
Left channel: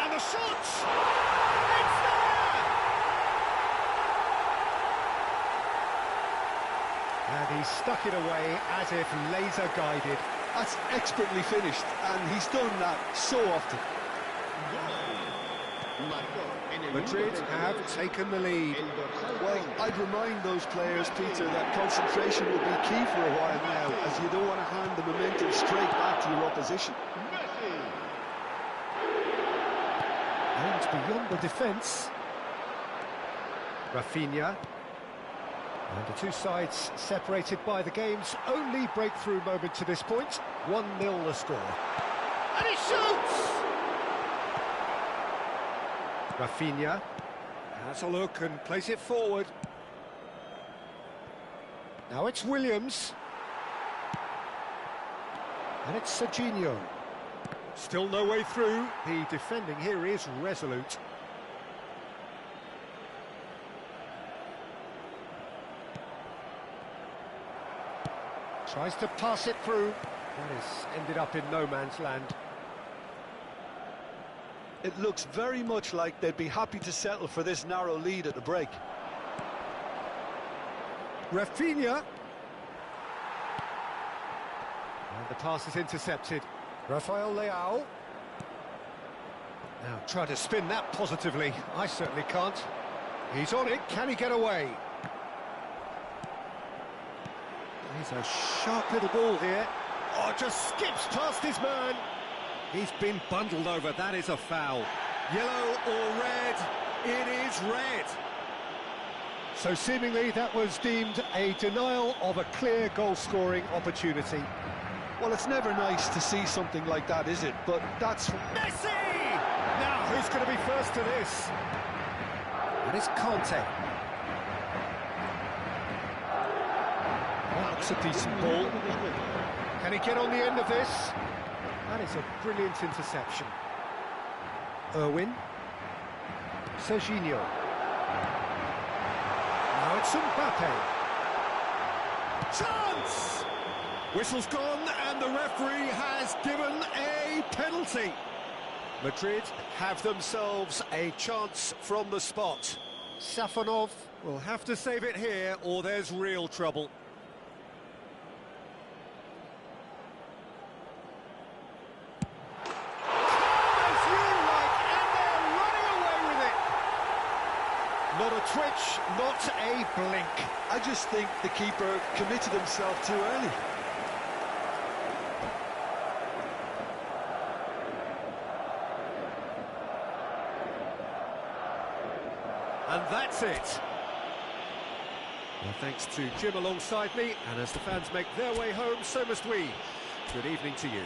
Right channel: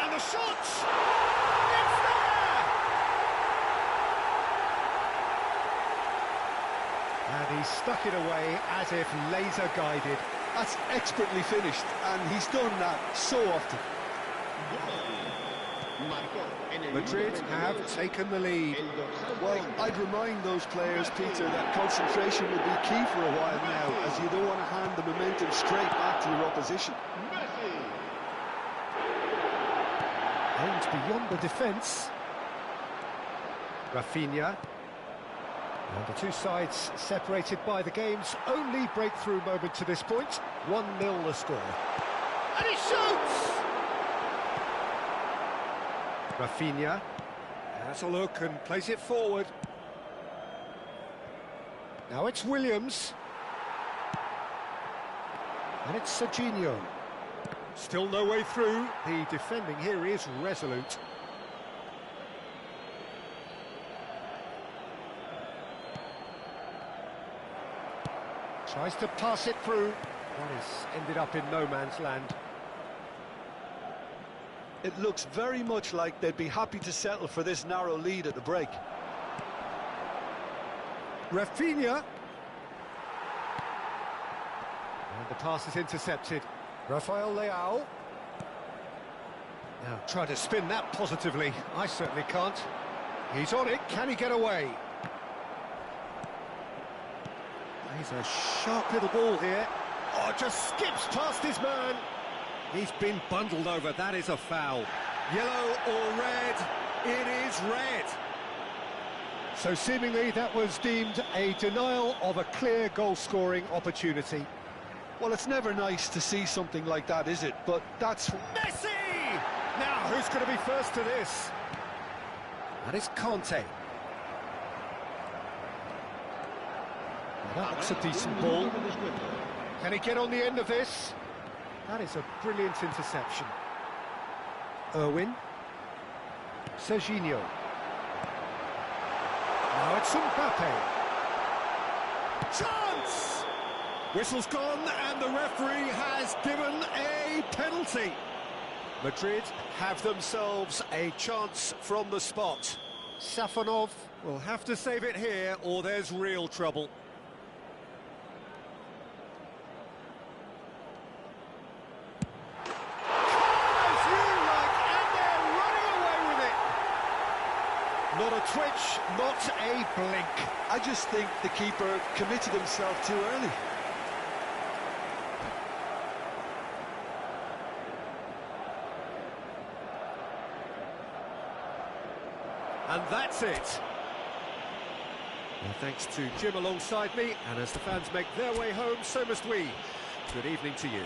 And the shot! It's there! And he stuck it away as if laser guided. That's expertly finished, and he's done that so often. Madrid have taken the lead. Well, I'd remind those players, Peter, that concentration will be key for a while now, as you don't want to hand the momentum straight back to your opposition. Aimed beyond the defence. Rafinha. And the two sides separated by the game's only breakthrough moment to this point. 1-0 the score. And he shoots! Rafinha has a look and plays it forward. Now it's Williams. And it's Serginho. Still no way through. The defending here is resolute. Tries to pass it through. That has ended up in no man's land. It looks very much like they'd be happy to settle for this narrow lead at the break. Rafinha. And the pass is intercepted. Rafael Leao. Now try to spin that positively. I certainly can't. He's on it. Can he get away? He's a sharp little ball here. Oh, just skips past his man. He's been bundled over. That is a foul. Yellow or red? It is red. So seemingly that was deemed a denial of a clear goal-scoring opportunity. Well, it's never nice to see something like that, is it? But that's... Messi! Now, who's going to be first to this? That is Conte. That's a decent ball. Can he get on the end of this? That is a brilliant interception. Irwin. Serginho. Now it's Mbappe. Chance! Whistle's gone and the referee has given a penalty. Madrid have themselves a chance from the spot. Safonov will have to save it here or there's real trouble. Not a twitch, not a blink. I just think the keeper committed himself too early. And that's it. Well, thanks to Jim alongside me, and as the fans make their way home, so must we. Good evening to you.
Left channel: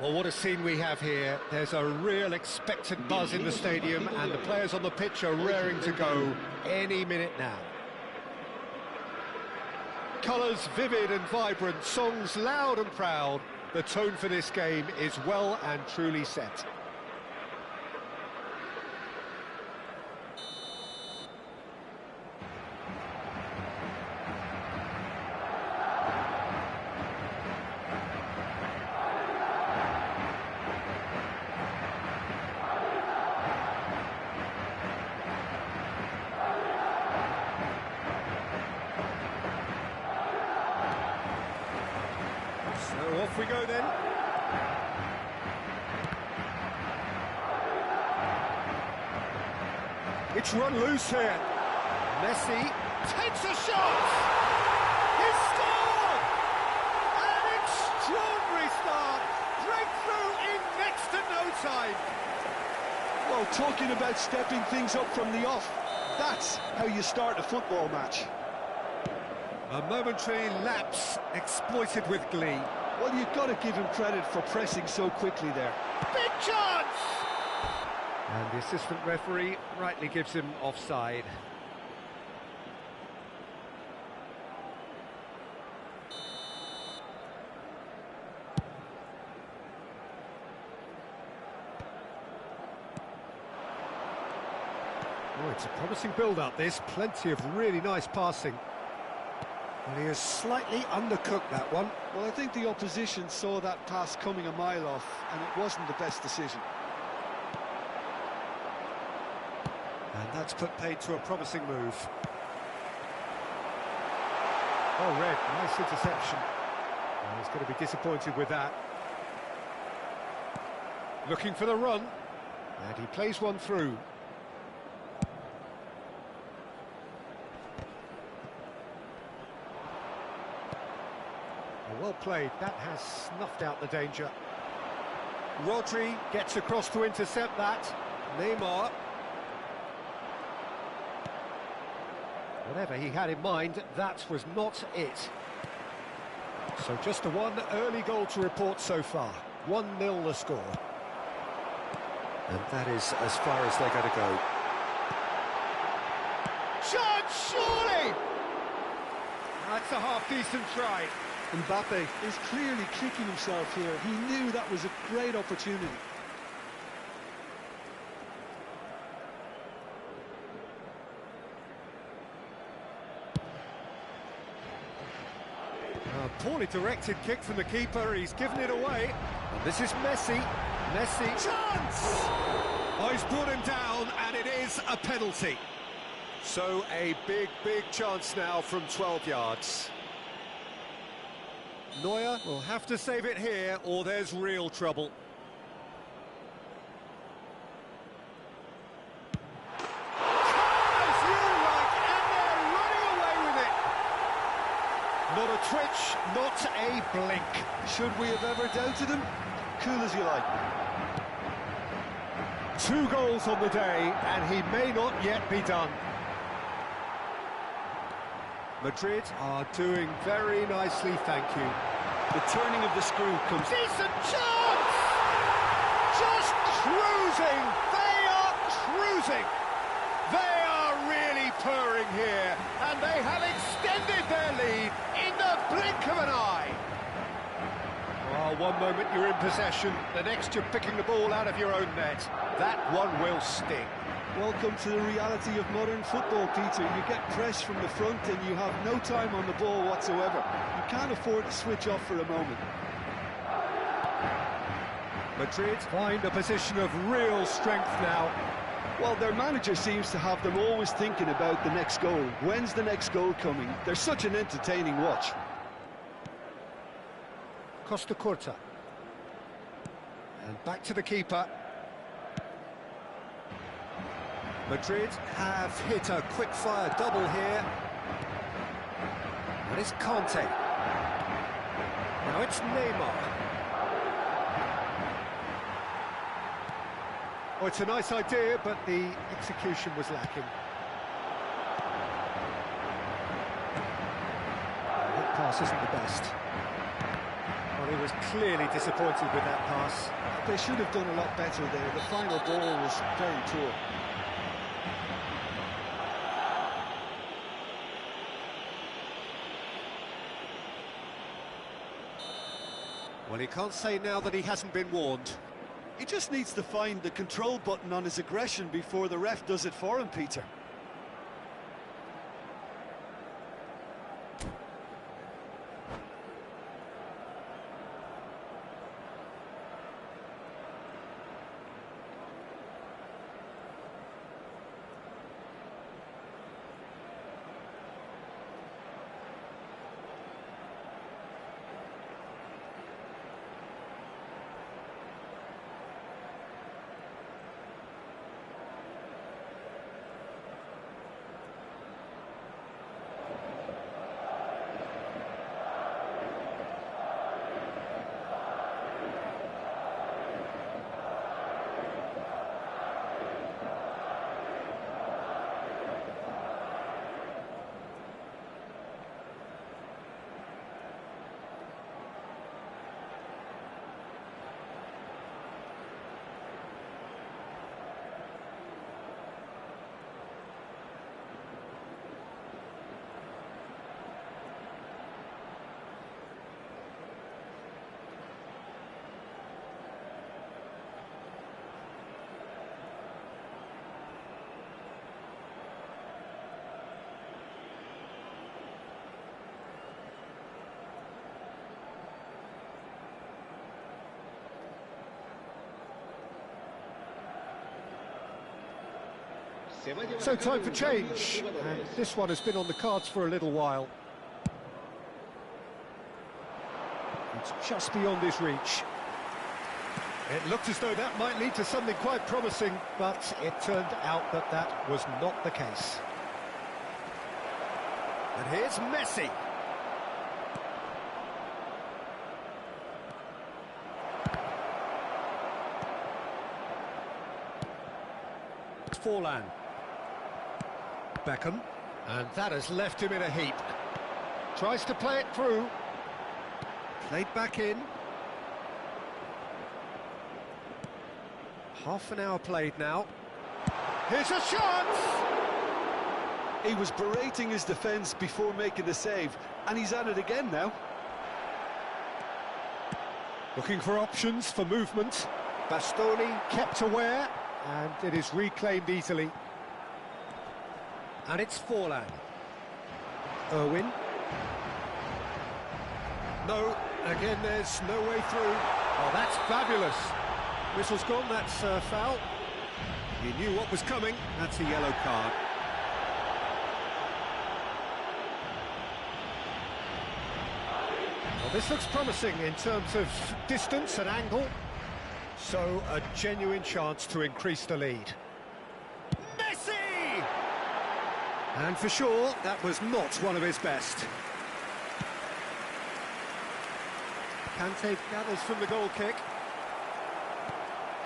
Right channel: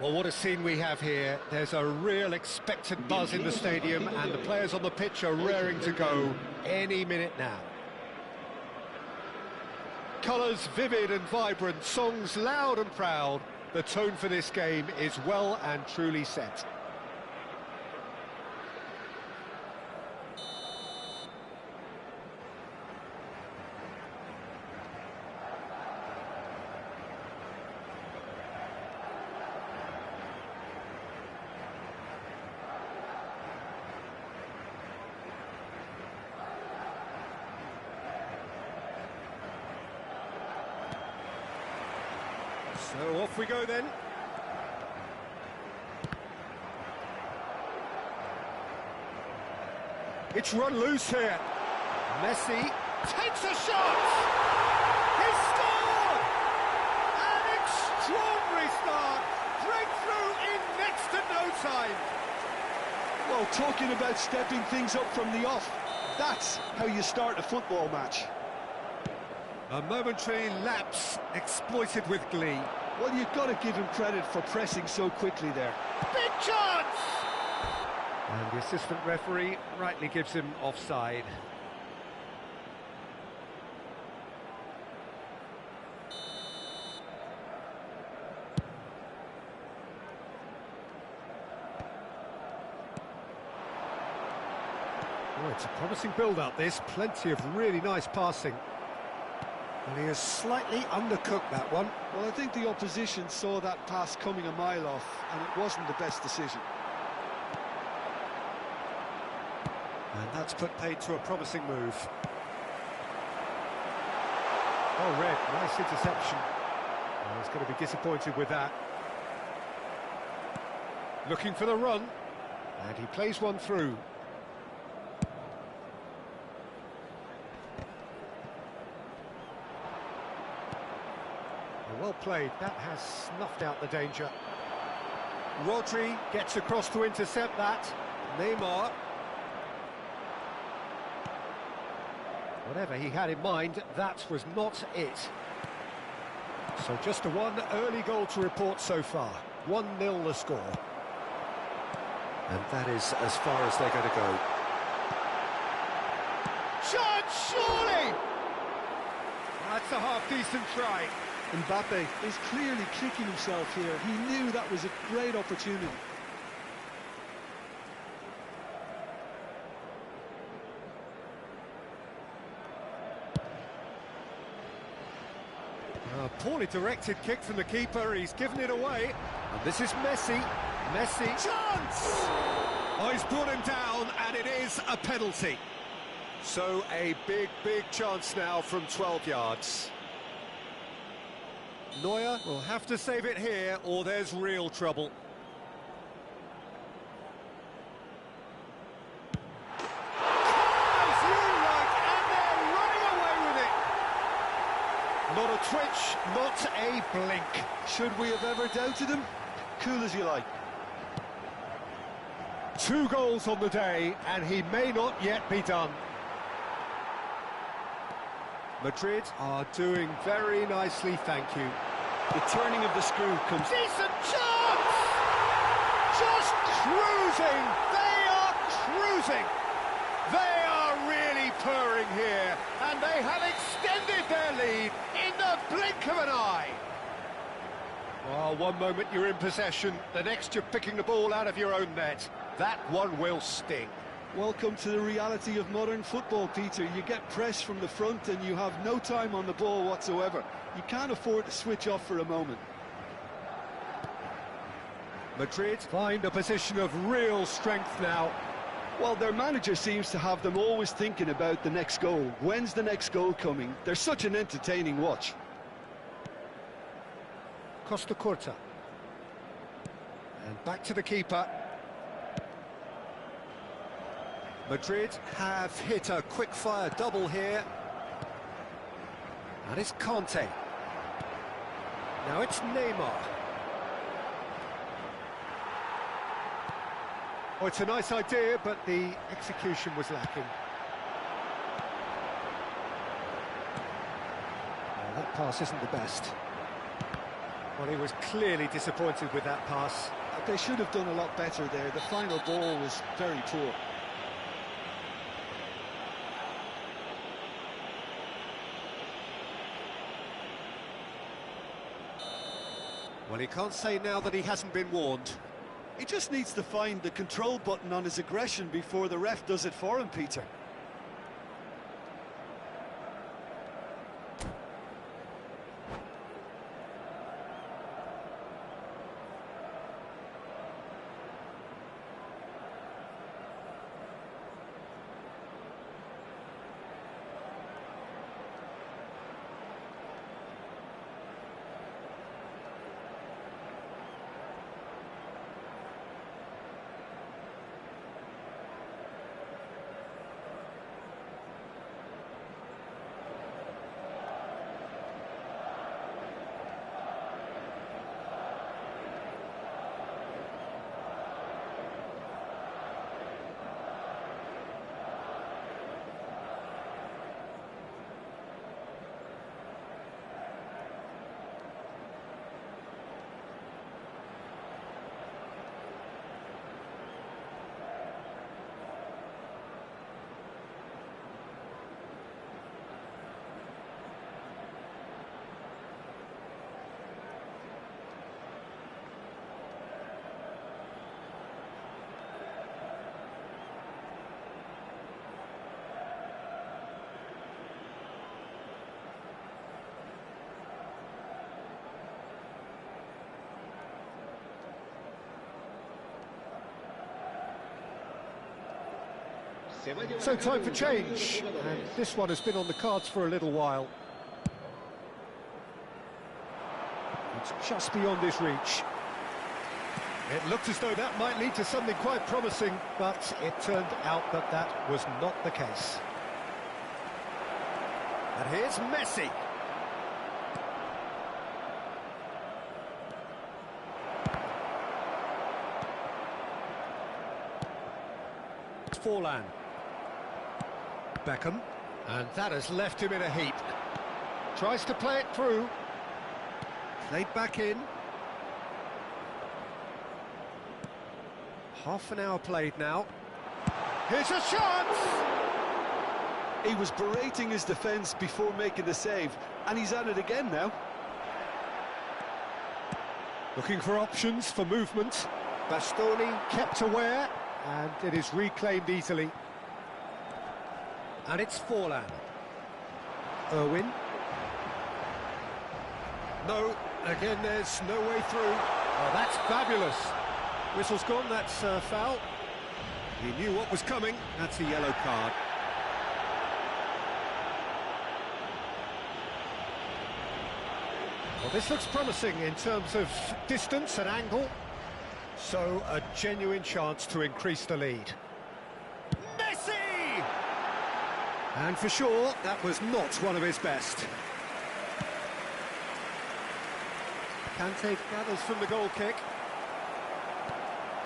Well, what a scene we have here. There's a real expectant buzz in the stadium, and the players on the pitch are raring to go any minute now. Colours vivid and vibrant, songs loud and proud. The tone for this game is well and truly set. So off we go then. It's run loose here. Messi takes a shot! He's scored! An extraordinary start! Breakthrough in next to no time! Well, talking about stepping things up from the off, that's how you start a football match. A momentary lapse exploited with glee. Well, you've got to give him credit for pressing so quickly there. Big chance! And the assistant referee rightly gives him offside. Oh, it's a promising build-up, this. Plenty of really nice passing. Well, he has slightly undercooked that one. Well, I think the opposition saw that pass coming a mile off, and it wasn't the best decision. And that's put paid to a promising move. Oh, Red, nice interception. Well, he's going to be disappointed with that. Looking for the run, and he plays one through. Well played, that has snuffed out the danger. Rodri gets across to intercept that. Neymar. Whatever he had in mind, that was not it. So just a one early goal to report so far. 1-0 the score. And that is as far as they're going to go. Chance, surely! That's a half-decent try. Mbappe is clearly kicking himself here. He knew that was a great opportunity. A poorly directed kick from the keeper. He's given it away. And this is Messi. Messi. Chance! Oh, he's brought him down, and it is a penalty. So a big, big chance now from 12 yards. Neuer will have to save it here, or there's real trouble. Calm as you like, and they're running away with it. Not a twitch, not a blink. Should we have ever doubted him? Cool as you like. 2 goals on the day, and he may not yet be done. Madrid are doing very nicely, thank you. The turning of the screw comes... Decent chance! Just cruising! They are cruising! They are really purring here, and they have extended their lead in the blink of an eye. Oh, one moment you're in possession, the next you're picking the ball out of your own net. That one will sting. Welcome to the reality of modern football, Peter. You get pressed from the front and you have no time on the ball whatsoever. You can't afford to switch off for a moment. Madrid find a position of real strength now. Well, their manager seems to have them always thinking about the next goal. When's the next goal coming? They're such an entertaining watch. Costa Curta. And back to the keeper. Madrid have hit a quick-fire double here. And it's Conte. Now it's Neymar. Oh, it's a nice idea, but the execution was lacking. That pass isn't the best. Well, he was clearly disappointed with that pass. They should have done a lot better there. The final ball was very poor. Well, he can't say now that he hasn't been warned. He just needs to find the control button on his aggression before the ref does it for him, Peter. So time for change, and this one has been on the cards for a little while. It's just beyond his reach. It looked as though that might lead to something quite promising, but it turned out that that was not the case. And here's Messi. It's Forlan. Beckham, and that has left him in a heap. Tries to play it through. Played back in. Half an hour played now. Here's a chance! He was berating his defence before making the save, and he's at it again now. Looking for options for movement. Bastoni kept aware, and it is reclaimed easily. And it's Forlan. Irwin. No, again there's no way through. Oh, that's fabulous. Whistle's gone, that's foul. He knew what was coming, that's a yellow card. Well, this looks promising in terms of distance and angle. So, a genuine chance to increase the lead. Messi! And for sure, that was not one of his best. Kante gathers from the goal kick.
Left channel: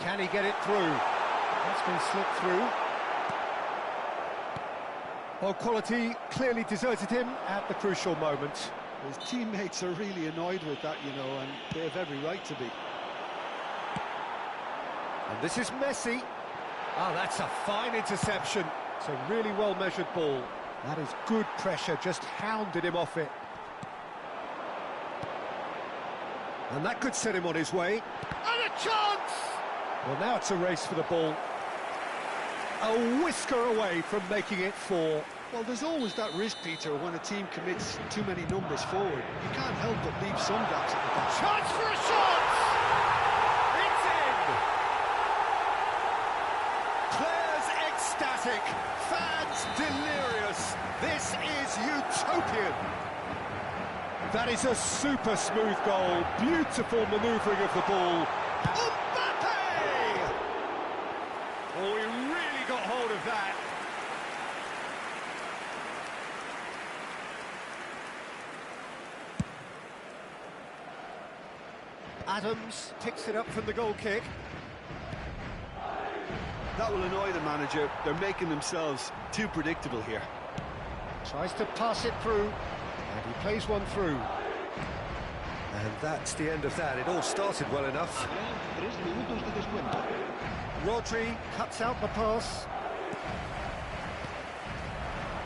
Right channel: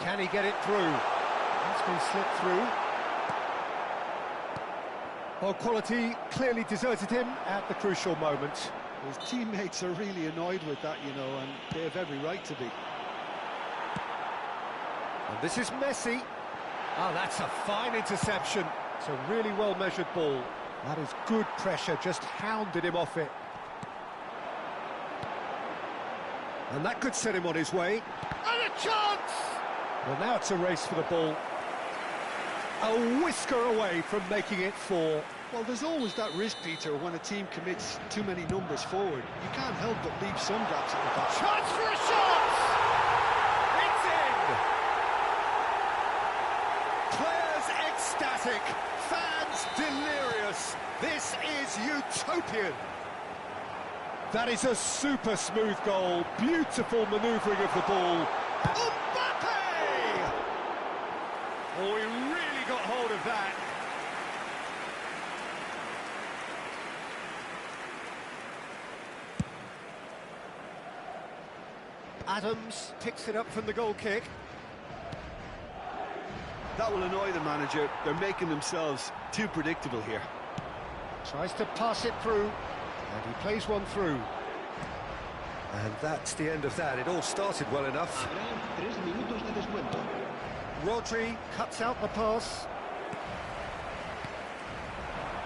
Can he get it through? That's been slipped through. Well, quality clearly deserted him at the crucial moment. His teammates are really annoyed with that, you know, and they have every right to be. And this is Messi. Oh, that's a fine interception. It's a really well-measured ball. That is good pressure, just hounded him off it. And that could set him on his way. And a chance! Well, now it's a race for the ball. A whisker away from making it 4. Well, there's always that risk, Peter, when a team commits too many numbers forward. You can't help but leave some gaps at the back. Chance for a shot! It's in! Players ecstatic, fans delirious. This is utopian. That is a super smooth goal, beautiful manoeuvring of the ball. Mbappe! Oh, he really got hold of that. Adams picks it up from the goal kick. That will annoy the manager. They're making themselves too predictable here. Tries to pass it through, and he plays one through. And that's the end of that. It all started well enough. Habrá 3 minutos de descuento. Rodri cuts out the pass.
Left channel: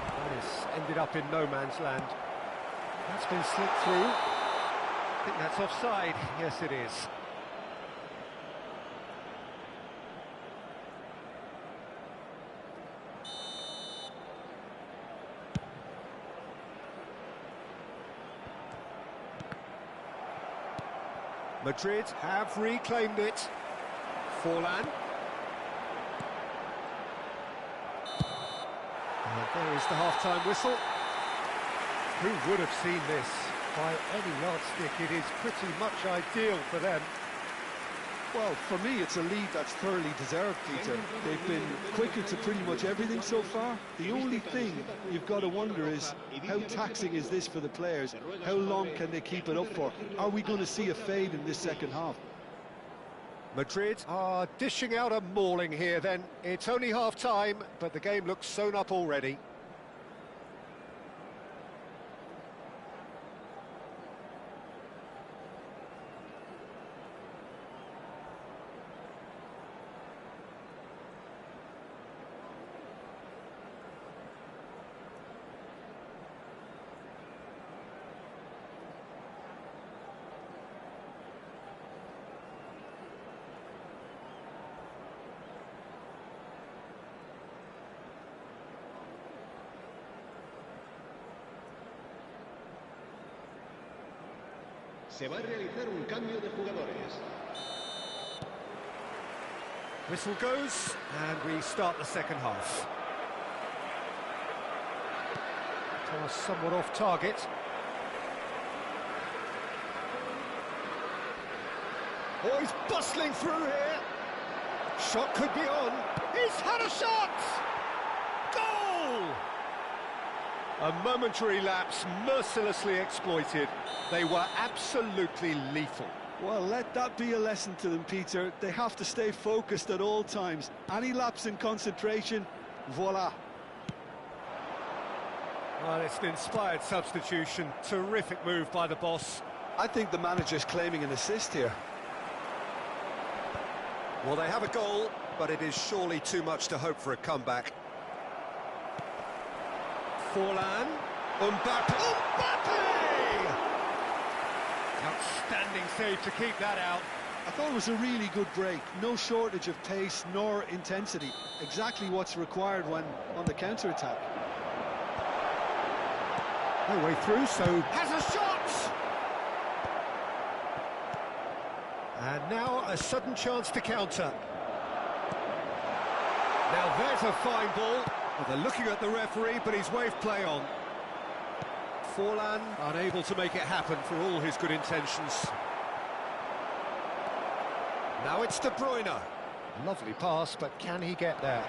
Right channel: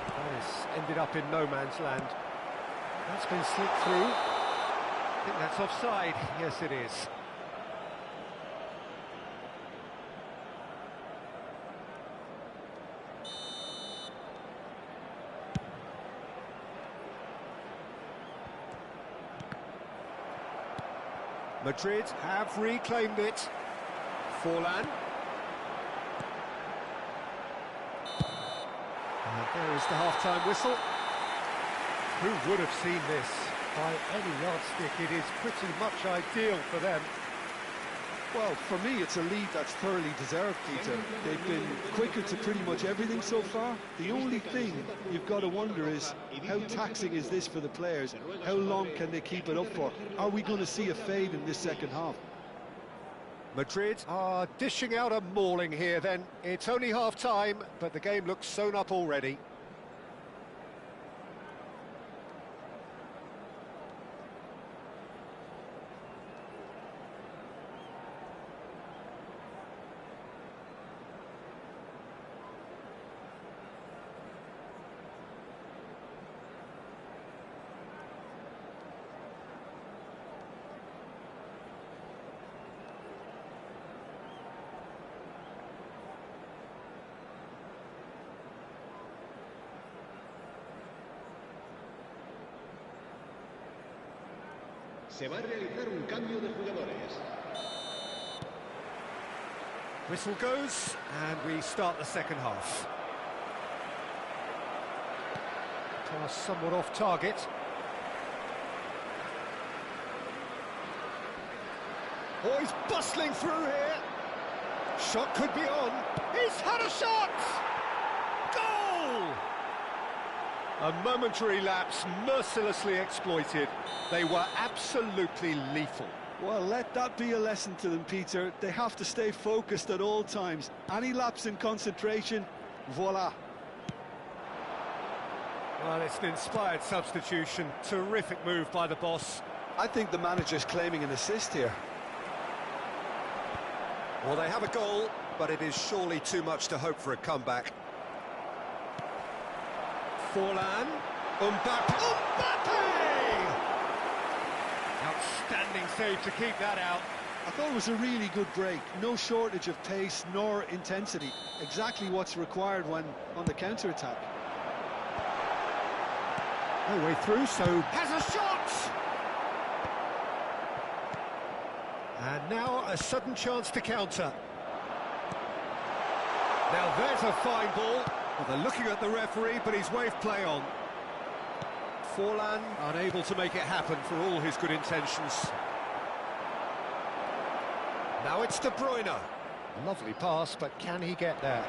That has ended up in no man's land. That's been slipped through. I think that's offside. Yes, it is. Madrid have reclaimed it. Forlan. And there is the half-time whistle. Who would have seen this? By any yardstick, it is pretty much ideal for them. Well, for me, it's a lead that's thoroughly deserved, Peter. They've been quicker to pretty much everything so far. The only thing you've got to wonder is, how taxing is this for the players? How long can they keep it up for? Are we going to see a fade in this second half? Madrid are dishing out a mauling here then. It's only half-time, but the game looks sewn up already. Se va a realizar un cambio de jugadores. Whistle goes, and we start the second half. Pass somewhat off target. Oh, he's bustling through here. Shot could be on. He's had a shot! Goal! A momentary lapse mercilessly exploited. They were absolutely lethal. Well, let that be a lesson to them, Peter. They have to stay focused at all times. Any lapse in concentration, voila. Well, it's an inspired substitution. Terrific move by the boss. I think the manager's claiming an assist here. Well, they have a goal, but it is surely too much to hope for a comeback. Forlan. Mbappe! Outstanding save to keep that out. I thought it was a really good break. No shortage of pace nor intensity. Exactly what's required when on the counter-attack. No way through, so has a shot! And now a sudden chance to counter. Now there's a fine ball. Well, they're looking at the referee, but he's waved play on. Forlan unable to make it happen for all his good intentions. Now it's De Bruyne. Lovely pass, but can he get there?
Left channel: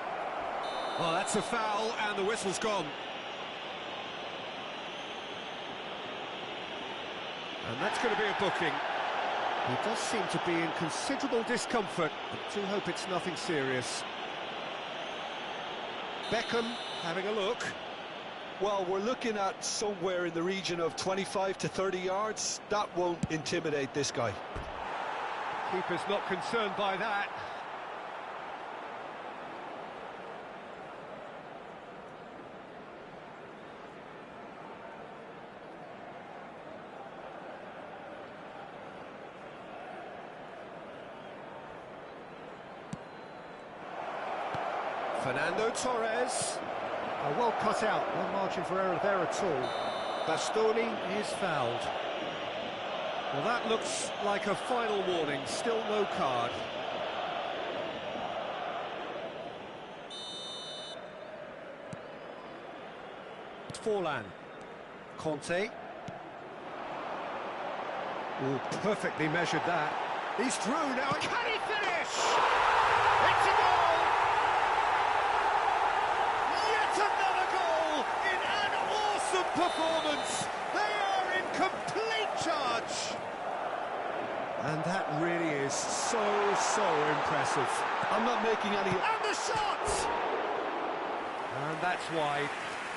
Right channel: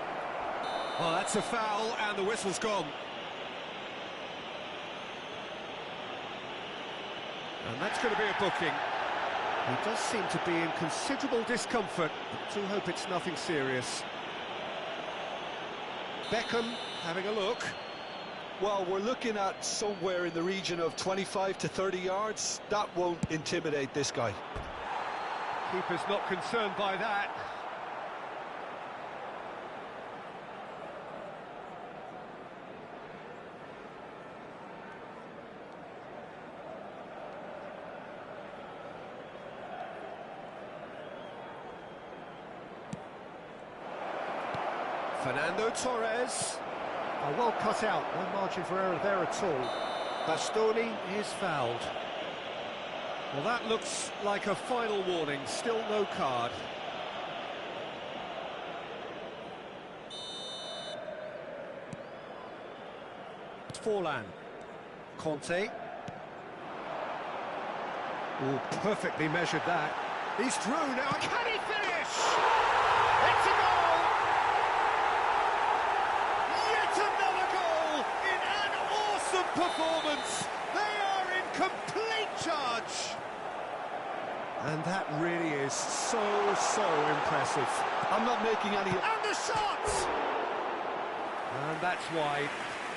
Well, that's a foul, and the whistle's gone. And that's going to be a booking. He does seem to be in considerable discomfort. I do hope it's nothing serious. Beckham having a look. Well, we're looking at somewhere in the region of 25 to 30 yards. That won't intimidate this guy. Keeper's not concerned by that. Fernando Torres. Well cut out, no margin for error there at all. Bastoni is fouled. Well, that looks like a final warning, still no card. Forlan. Conte. Oh, perfectly measured that. He's through now. Can he finish? It's a goal! Yet another goal in an awesome performance. They are in complete charge. And that really is so impressive. I'm not making any... And the shot! And that's wide.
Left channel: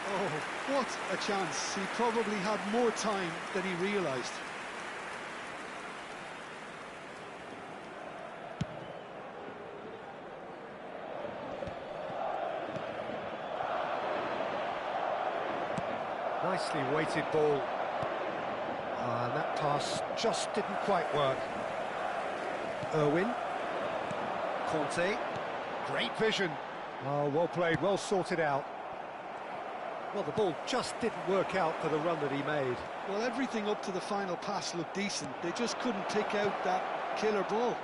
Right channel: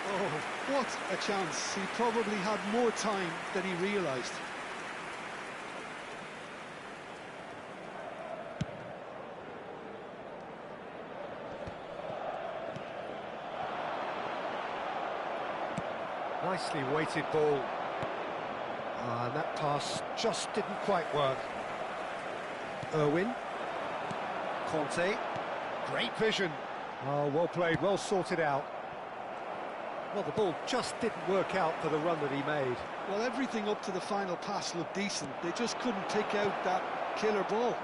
Oh, what a chance. He probably had more time than he realised. Nicely weighted ball. And that pass just didn't quite work. Irwin. Conte. Great vision. Oh, well played, well sorted out. Well, the ball just didn't work out for the run that he made. Well, everything up to the final pass looked decent. They just couldn't pick out that killer ball.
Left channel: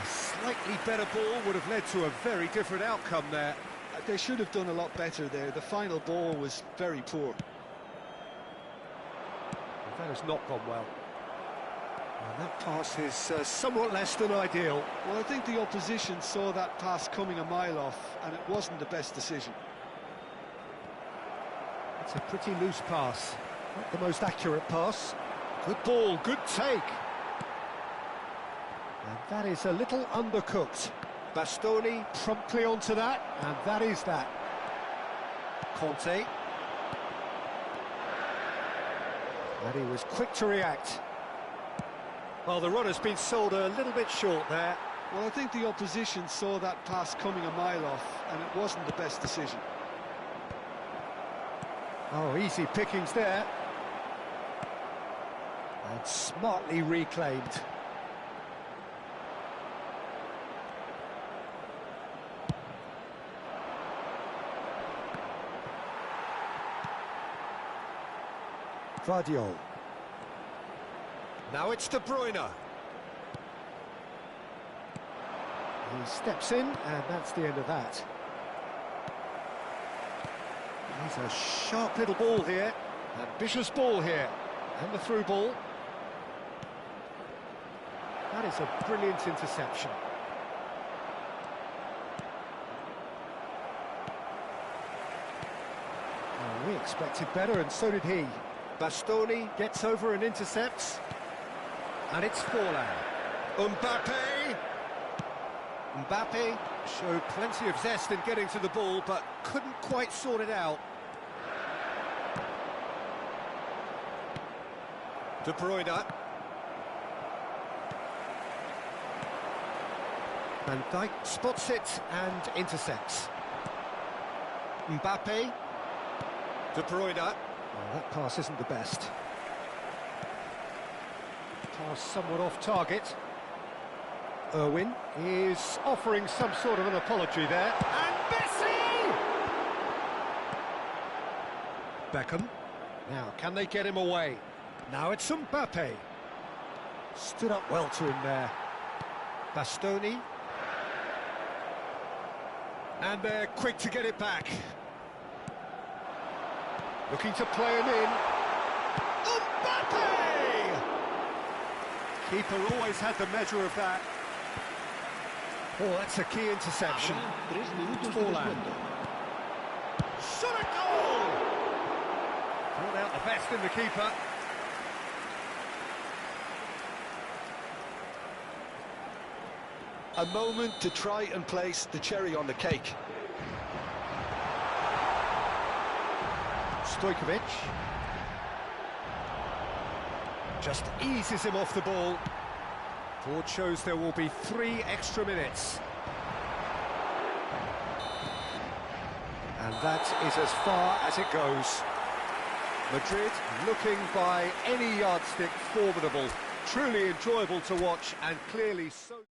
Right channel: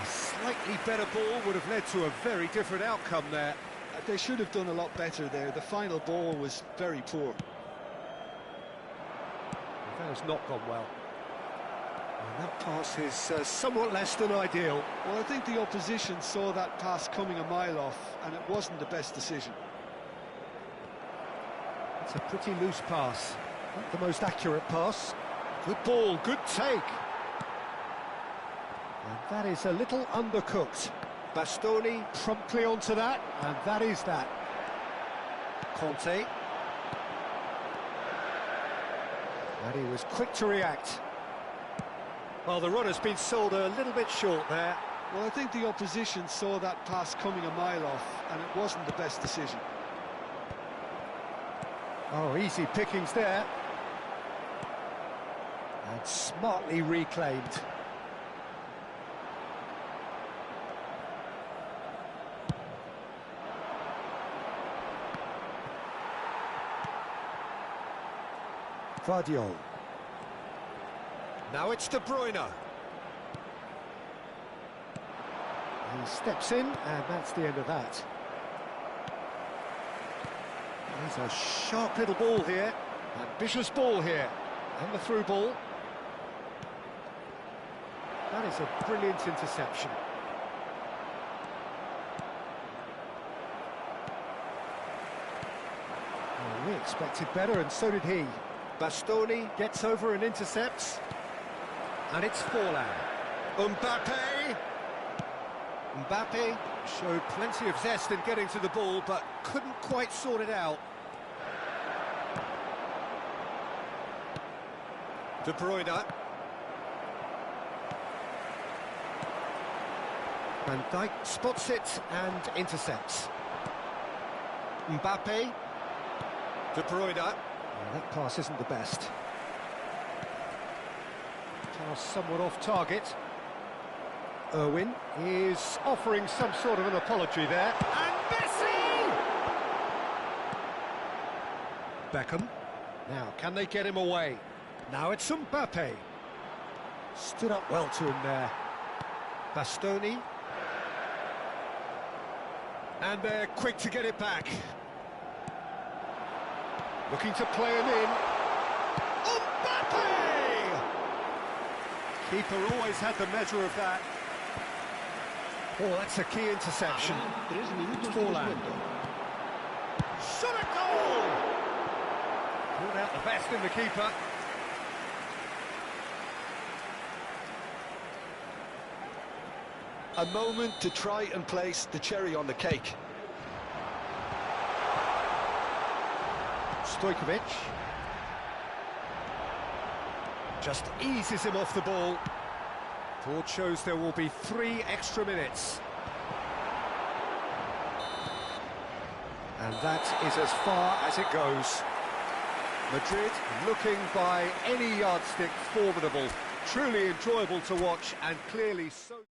A slightly better ball would have led to a very different outcome there. They should have done a lot better there. The final ball was very poor. Well, that has not gone well. And that pass is somewhat less than ideal. Well, I think the opposition saw that pass coming a mile off, and it wasn't the best decision. It's a pretty loose pass. Not the most accurate pass. Good ball, good take. And that is a little undercooked. Bastoni promptly onto that, and that is that. Conte. And he was quick to react. Well, the run has been sold a little bit short there. Well, I think the opposition saw that pass coming a mile off, and it wasn't the best decision. Oh, easy pickings there. And smartly reclaimed. Vardiol. Now it's De Bruyne. He steps in, and that's the end of that. He's a sharp little ball here. Ambitious ball here. And the through ball. That is a brilliant interception. Well, we expected better, and so did he. Bastoni gets over and intercepts. And it's Forlan. Mbappe! Mbappe showed plenty of zest in getting to the ball, but couldn't quite sort it out. De Bruyne. Van Dijk spots it and intercepts. Mbappe. De Bruyne. Well, that pass isn't the best. Pass somewhat off target. Irwin is offering some sort of an apology there. And Messi! Beckham. Now, can they get him away? Now it's Mbappe. Stood up well to him there. Bastoni. And they're quick to get it back. Looking to play him in. Mbappe! Keeper always had the measure of that. Oh, that's a key interception. Forlan. Shot a goal! Brought out the best in the keeper. A moment to try and place the cherry on the cake. Stojkovic. Just eases him off the ball. Board shows there will be 3 extra minutes. And that is as far as it goes. Madrid looking by any yardstick formidable. Truly enjoyable to watch, and clearly so...